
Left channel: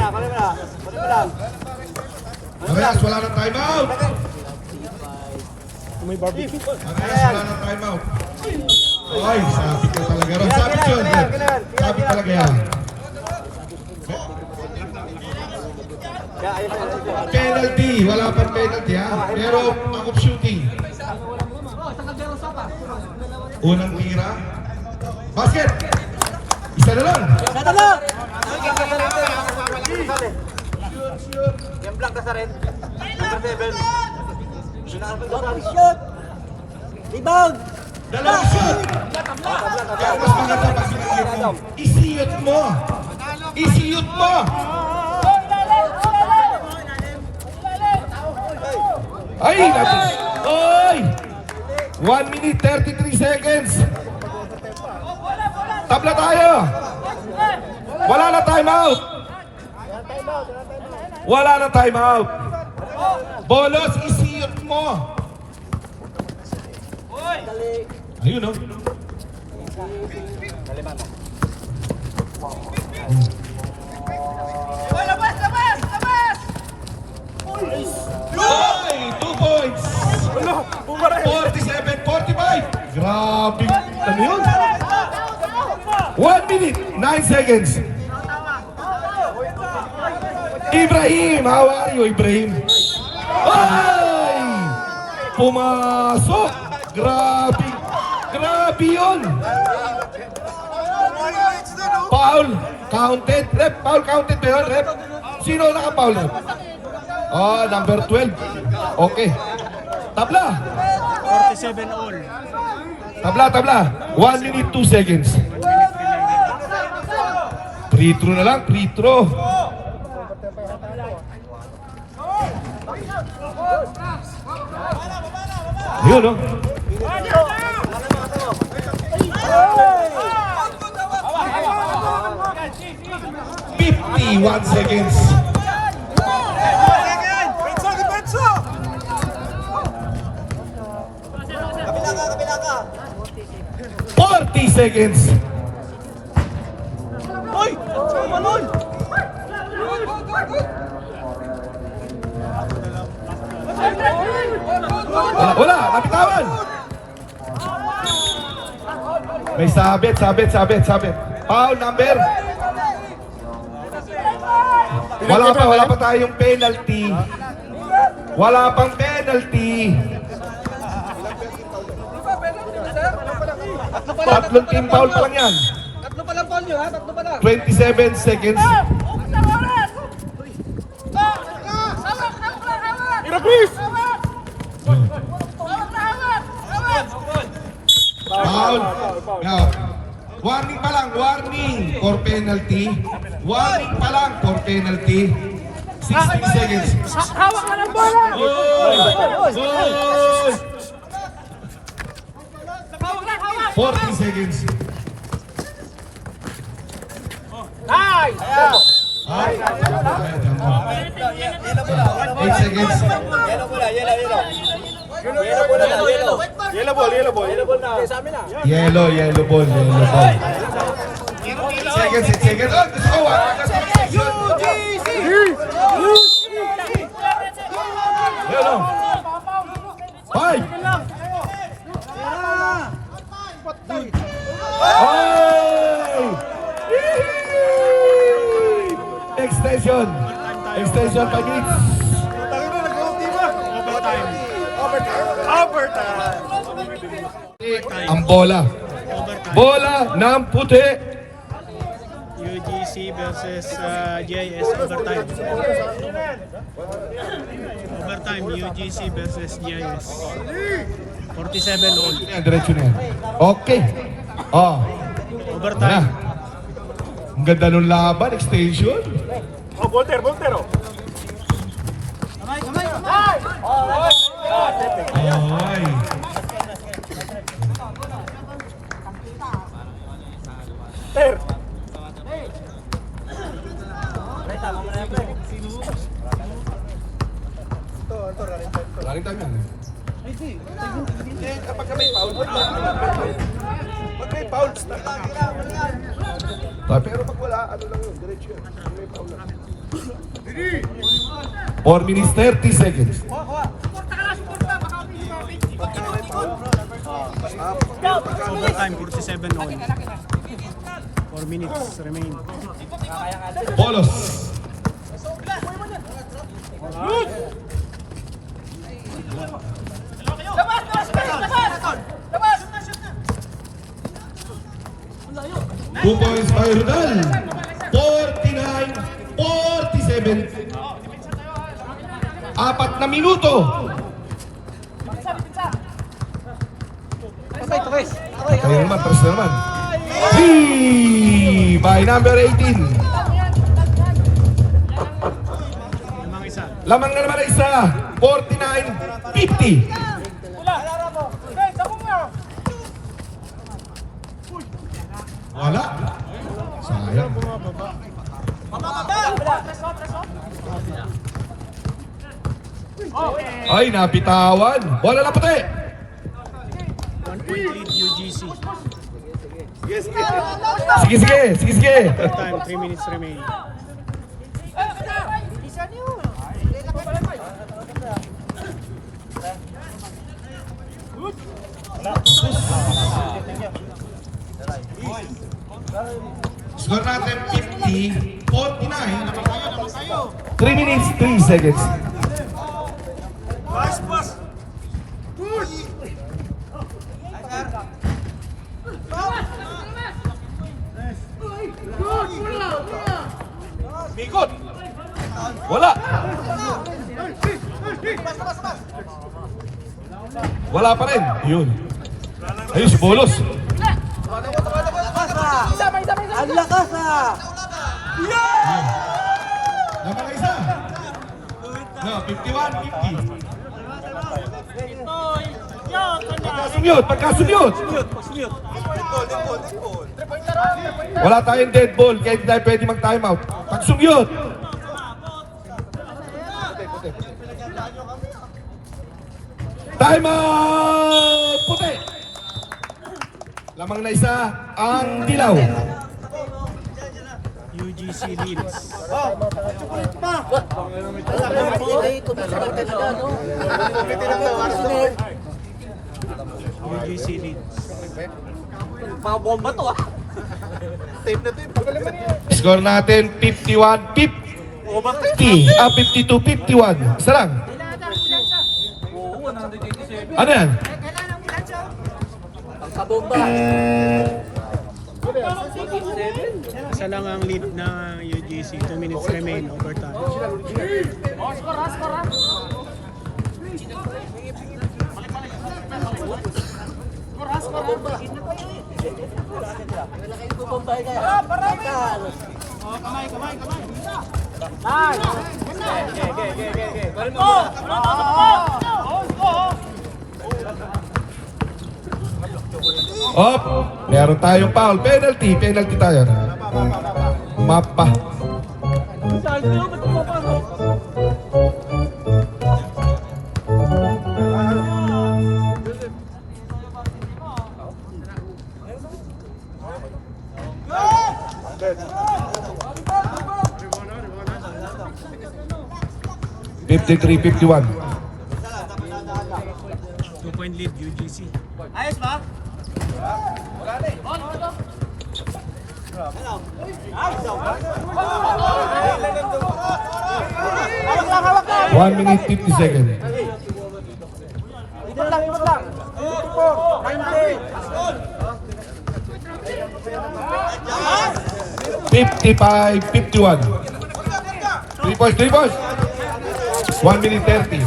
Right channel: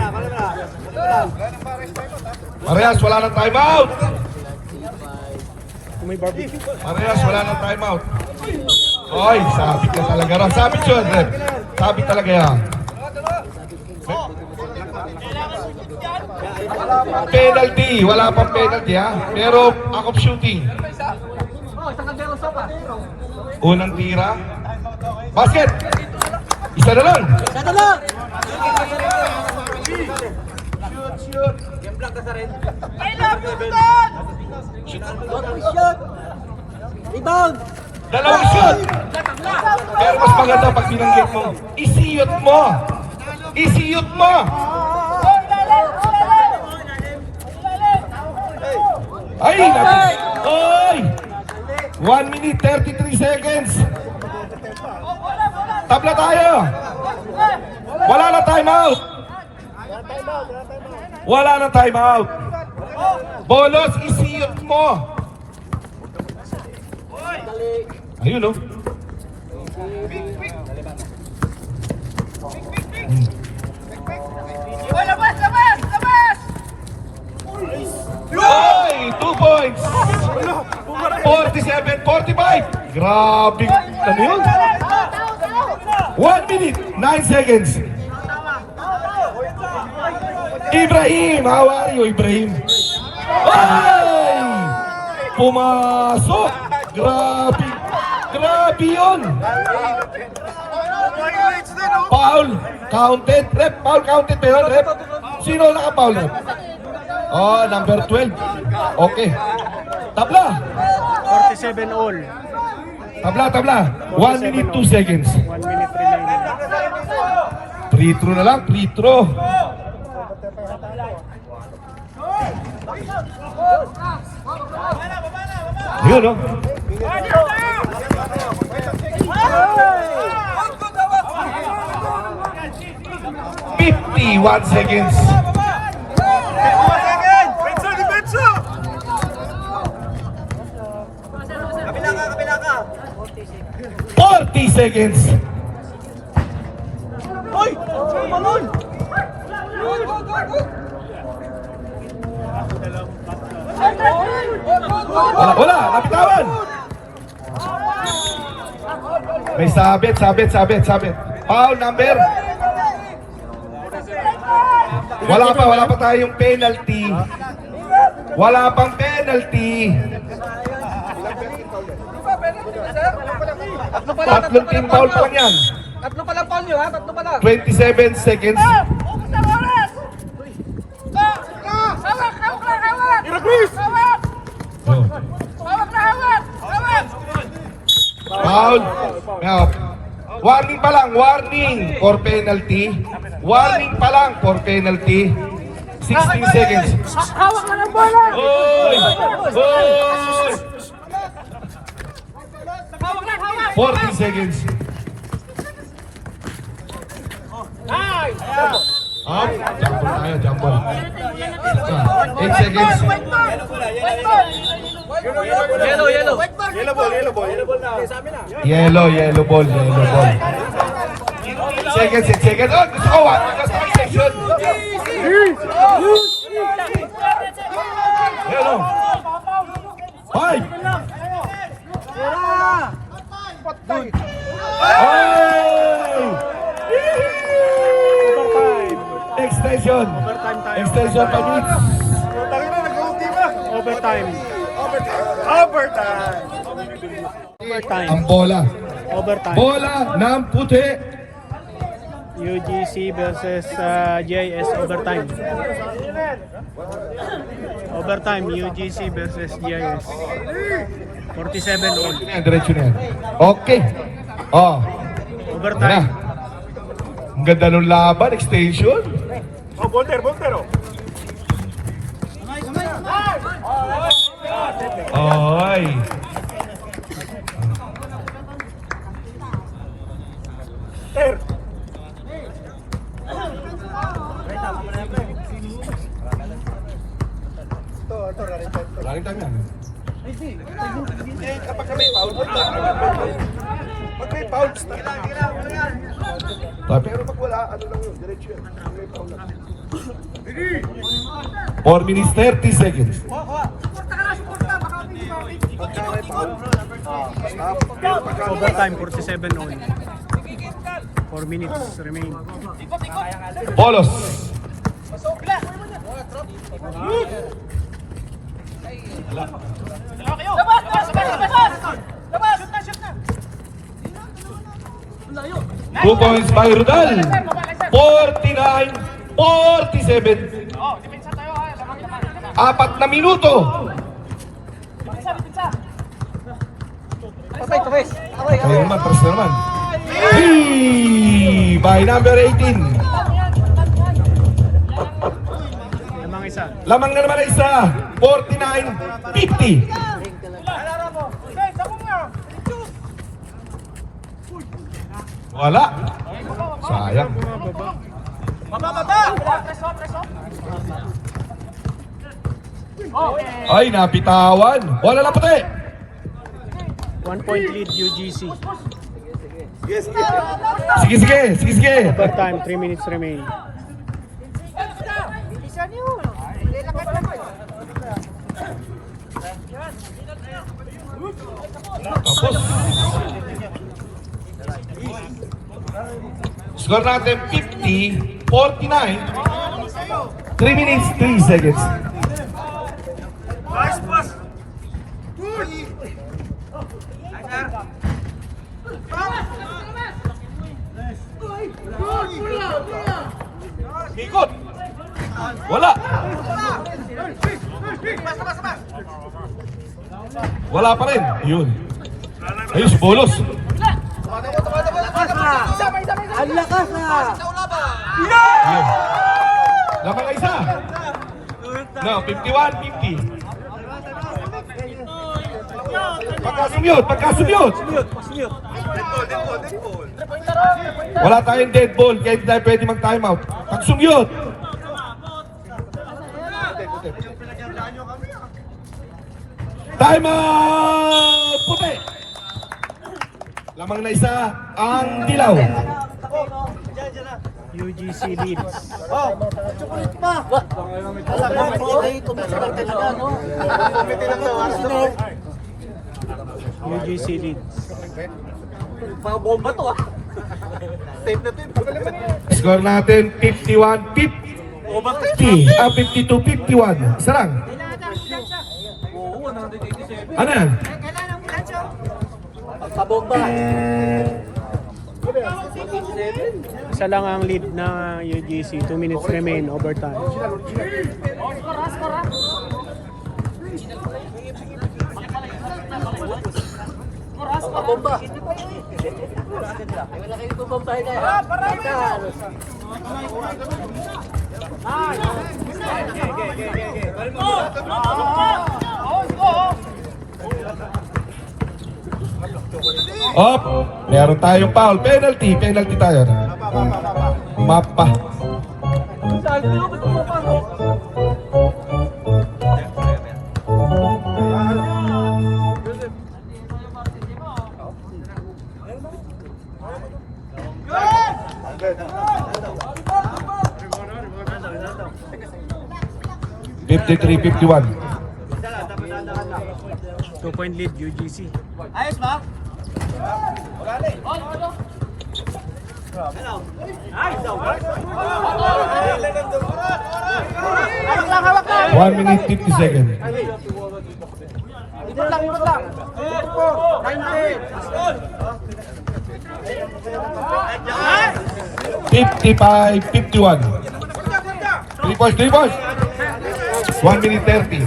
Parehas, wala nang time out. Ay, sabi ka talaga. Sabi yun. Sabi talaga yan. Penalty. Wala pang penalty ha. Pero ako shooting. Unang tira. Basket. Isa na lang. Game blank ka sa rin. Rebound! Dalawang shot. Pero mas maganda pag sinanggit mo. Isiyot mo. Ay, natin. Oy! 1 minute 33 seconds. Tabla tayo. Wala na time out. Bolos, isiyot mo. Ayun, oh. Oy! 2 points! 47-45! Grabe! Ano yun? 1 minute, 9 seconds. Ibrahim! How are you, Ibrahim? Ay! Pumasok! Grabe! Grabe yun! Foul! Counted! Rep! Foul counted ba yun, Rep? Sino naka-foul, Rep? Oh, number 12. Okay. Tabla! 47 all. Tabla! 1 minute 2 seconds. 1 minute remaining. Free throw na lang, free throw. Yun, oh. "51 seconds. Kabila ka. 40 seconds. Wala, napitawan. May sabit. Foul number. Wala pa tayong penalty. Wala pang penalty. Tatlong team foul pa lang yan. Tatlo pa lang pa nyo ha, tatlo pa lang. 27 seconds. Foul. Now, Warning pa lang, warning for penalty. Warning pa lang for penalty. 16 seconds. Hawak ka ng bola! Hoy! Hoy! 40 seconds. Ay! Ayaw, jumbo. 8 seconds. Yellow ball na. Sa amin na. Yellow ball. Seconds, 6 seconds. Oh, gusto ko, wag ka sa section. Yellow. 5. Extension. Extension 5 minutes. Overtime. Ang bola. Overtime. Bola ng puti. UGC versus GIS overtime. Overtime, UGC versus GIS. 47 all. Diretso na. Okay. Oh. Overtime. Ang ganda ng laban. Extension. Ay. Galing tayo yan. Pero pag wala, ano lang yun, diretso yun. 4 minutes 30 seconds. Overtime, 47 all. 4 minutes remain. Polos. Two points by Rudal. 49-47. 4 na minuto. Kayo naman, press na naman. By number 18. Lamang isa. Lamang na naman isa. 49-50. Wala. Sayang. Ay, napitawan. Wala na puti. 1 point lead UGC. Sige. Overtime, 3 minutes remain. Score natin 50-49. 3 minutes, 3 seconds. Ikot. Wala. Wala pa rin. Yun. Ayun, si Bolos. Ang lakas ah! Laman na isa. No, 51-50. Pagkasubyot. Wala tayong dead ball, kaya hindi tayo pwede mag-time out. Pagsubyot. Time out! Puti. Lamang na isa ang dilaw. UGC leads. UGC leads. Mga bomba to ah! Tape na tape. Score natin 51-50. 52-51. Isa lang. Oo, 187. Ano yan? Sa bomba. Isa lang ang lead na UGC. 2 minutes remain. Overtime. Op, meron tayong foul. Penalty tayo. Mapa. (53-51). 2-point lead, UGC. Ayos ba? 1 minute 50 seconds. 55-51. 3 points. 1 minute 30.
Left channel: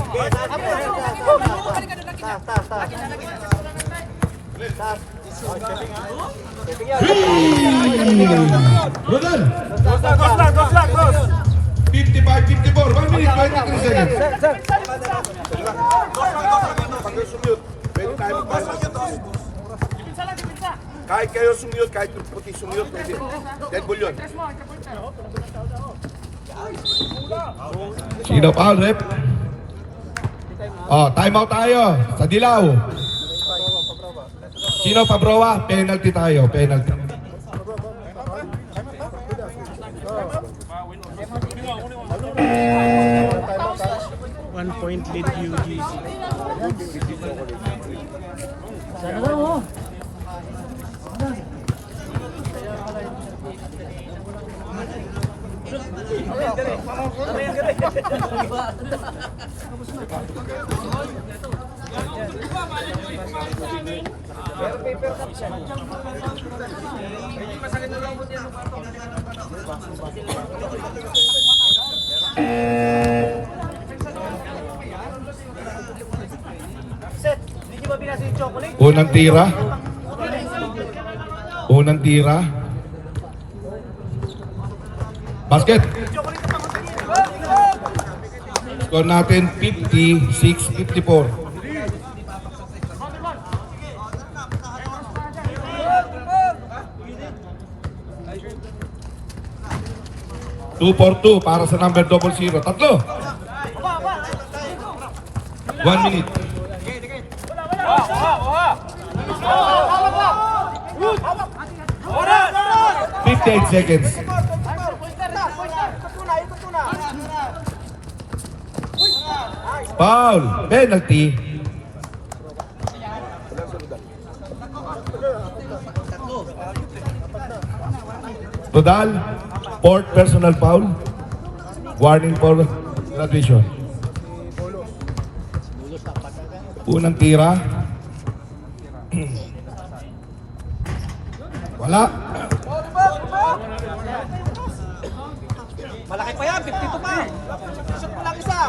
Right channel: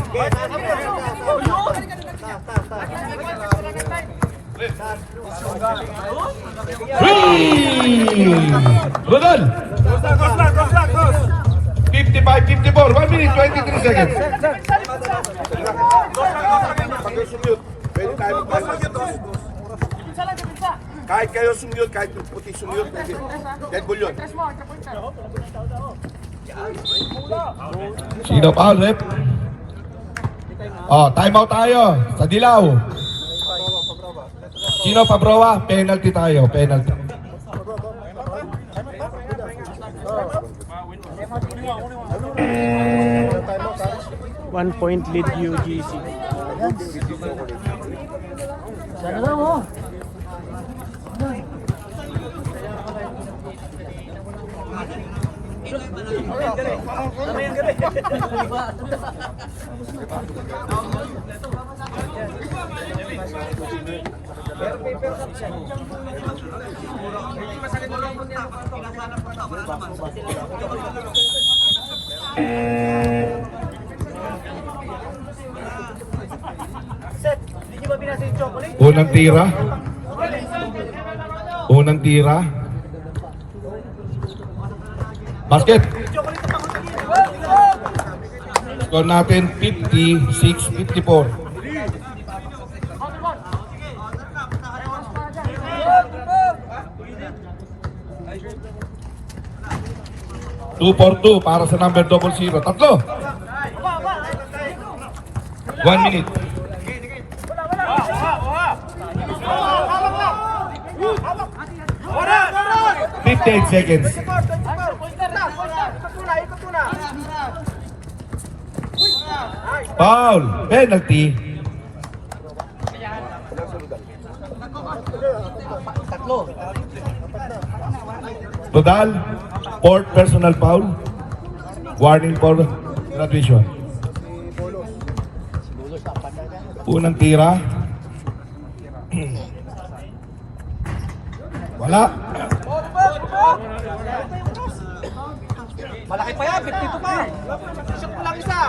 Rodal. 55-54. 1 minute 23 seconds. Pwede tayo mag-balance. Kahit kayo sumiyot, kahit puti sumiyot, pwede. Dead ball yun. Sino foul, rep? Oh, time out tayo sa dilaw. Sino pabrowa? Penalty tayo, penalty. One point lead, UGC. Unang tira. Basket. Score natin 56-54. Two for two para sa number 00. Tatlo. 1 minute. (58 seconds). Foul, penalty. Rodal, fourth personal foul. Warning for graduation. Unang tira. Wala. Malaki pa yan, 52 pa. Shoot mo lang isa.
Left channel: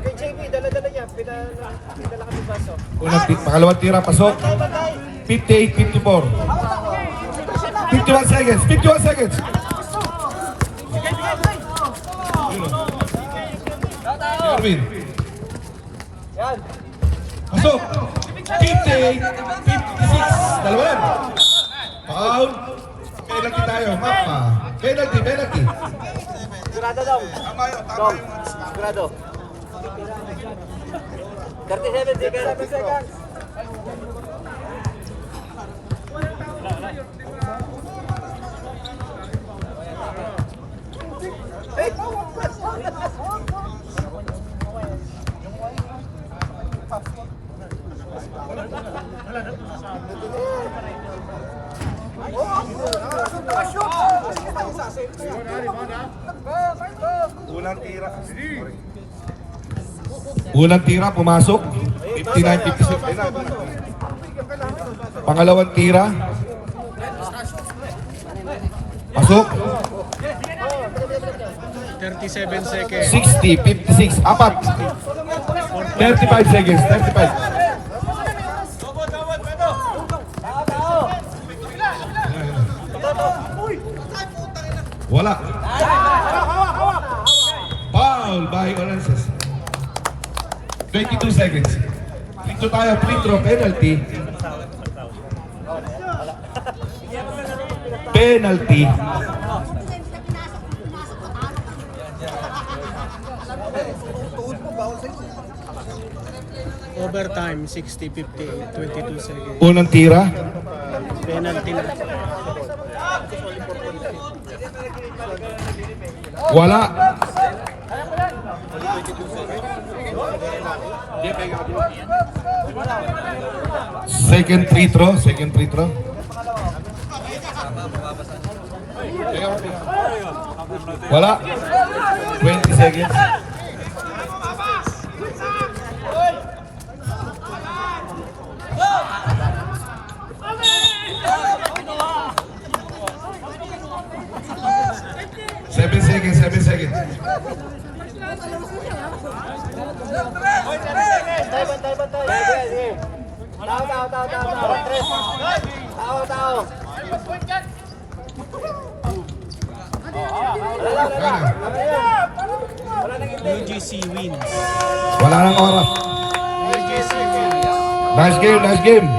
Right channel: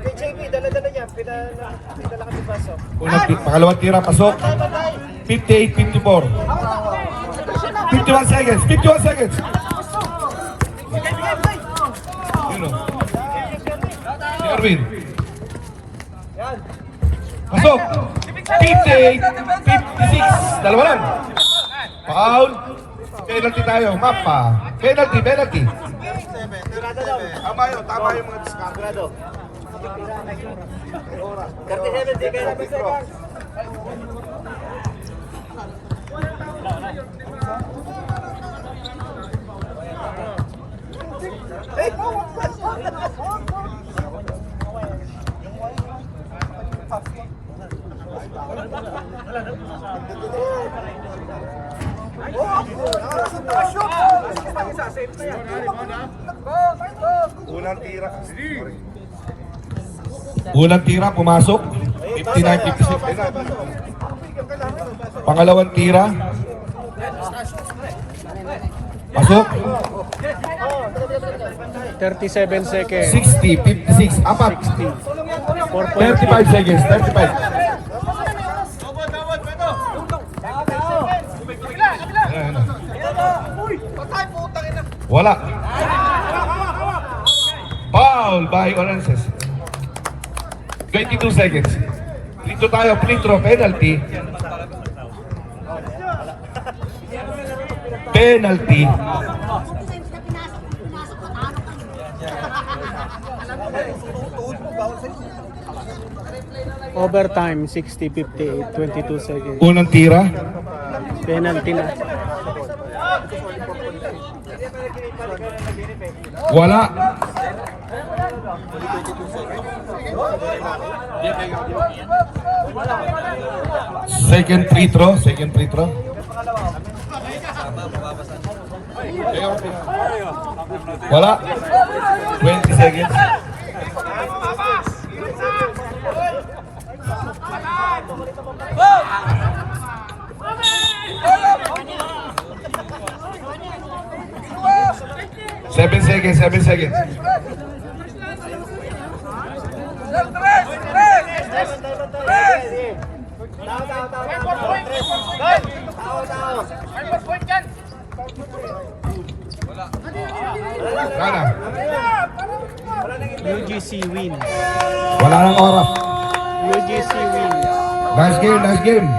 Kay JB, dala-dala niya. Pinala ka sa baso. Pangalawang tira, pasok. 58-54. 51 seconds. 51 seconds. Erwin. Pasok. 58-56. Dalawa lang. Foul. Penalty tayo. Mapa. Penalty. Tama yung mga discount. 37 seconds. Unang tira, pumasok. 59-56. Pangalawang tira. Pasok. 37 seconds. 60-56. Apat. 35 seconds. 35. Wala. Foul by Olances. 22 seconds. Dito tayo, free throw, penalty. Penalty. Overtime, 60-58, 22 seconds. Unang tira. Penalty na. Wala. Second free throw. Second free throw. Wala. 20 seconds. Seven seconds, 7 seconds. Sana. UGC wins. Wala nang oras. UGC wins. Nice game, nice game.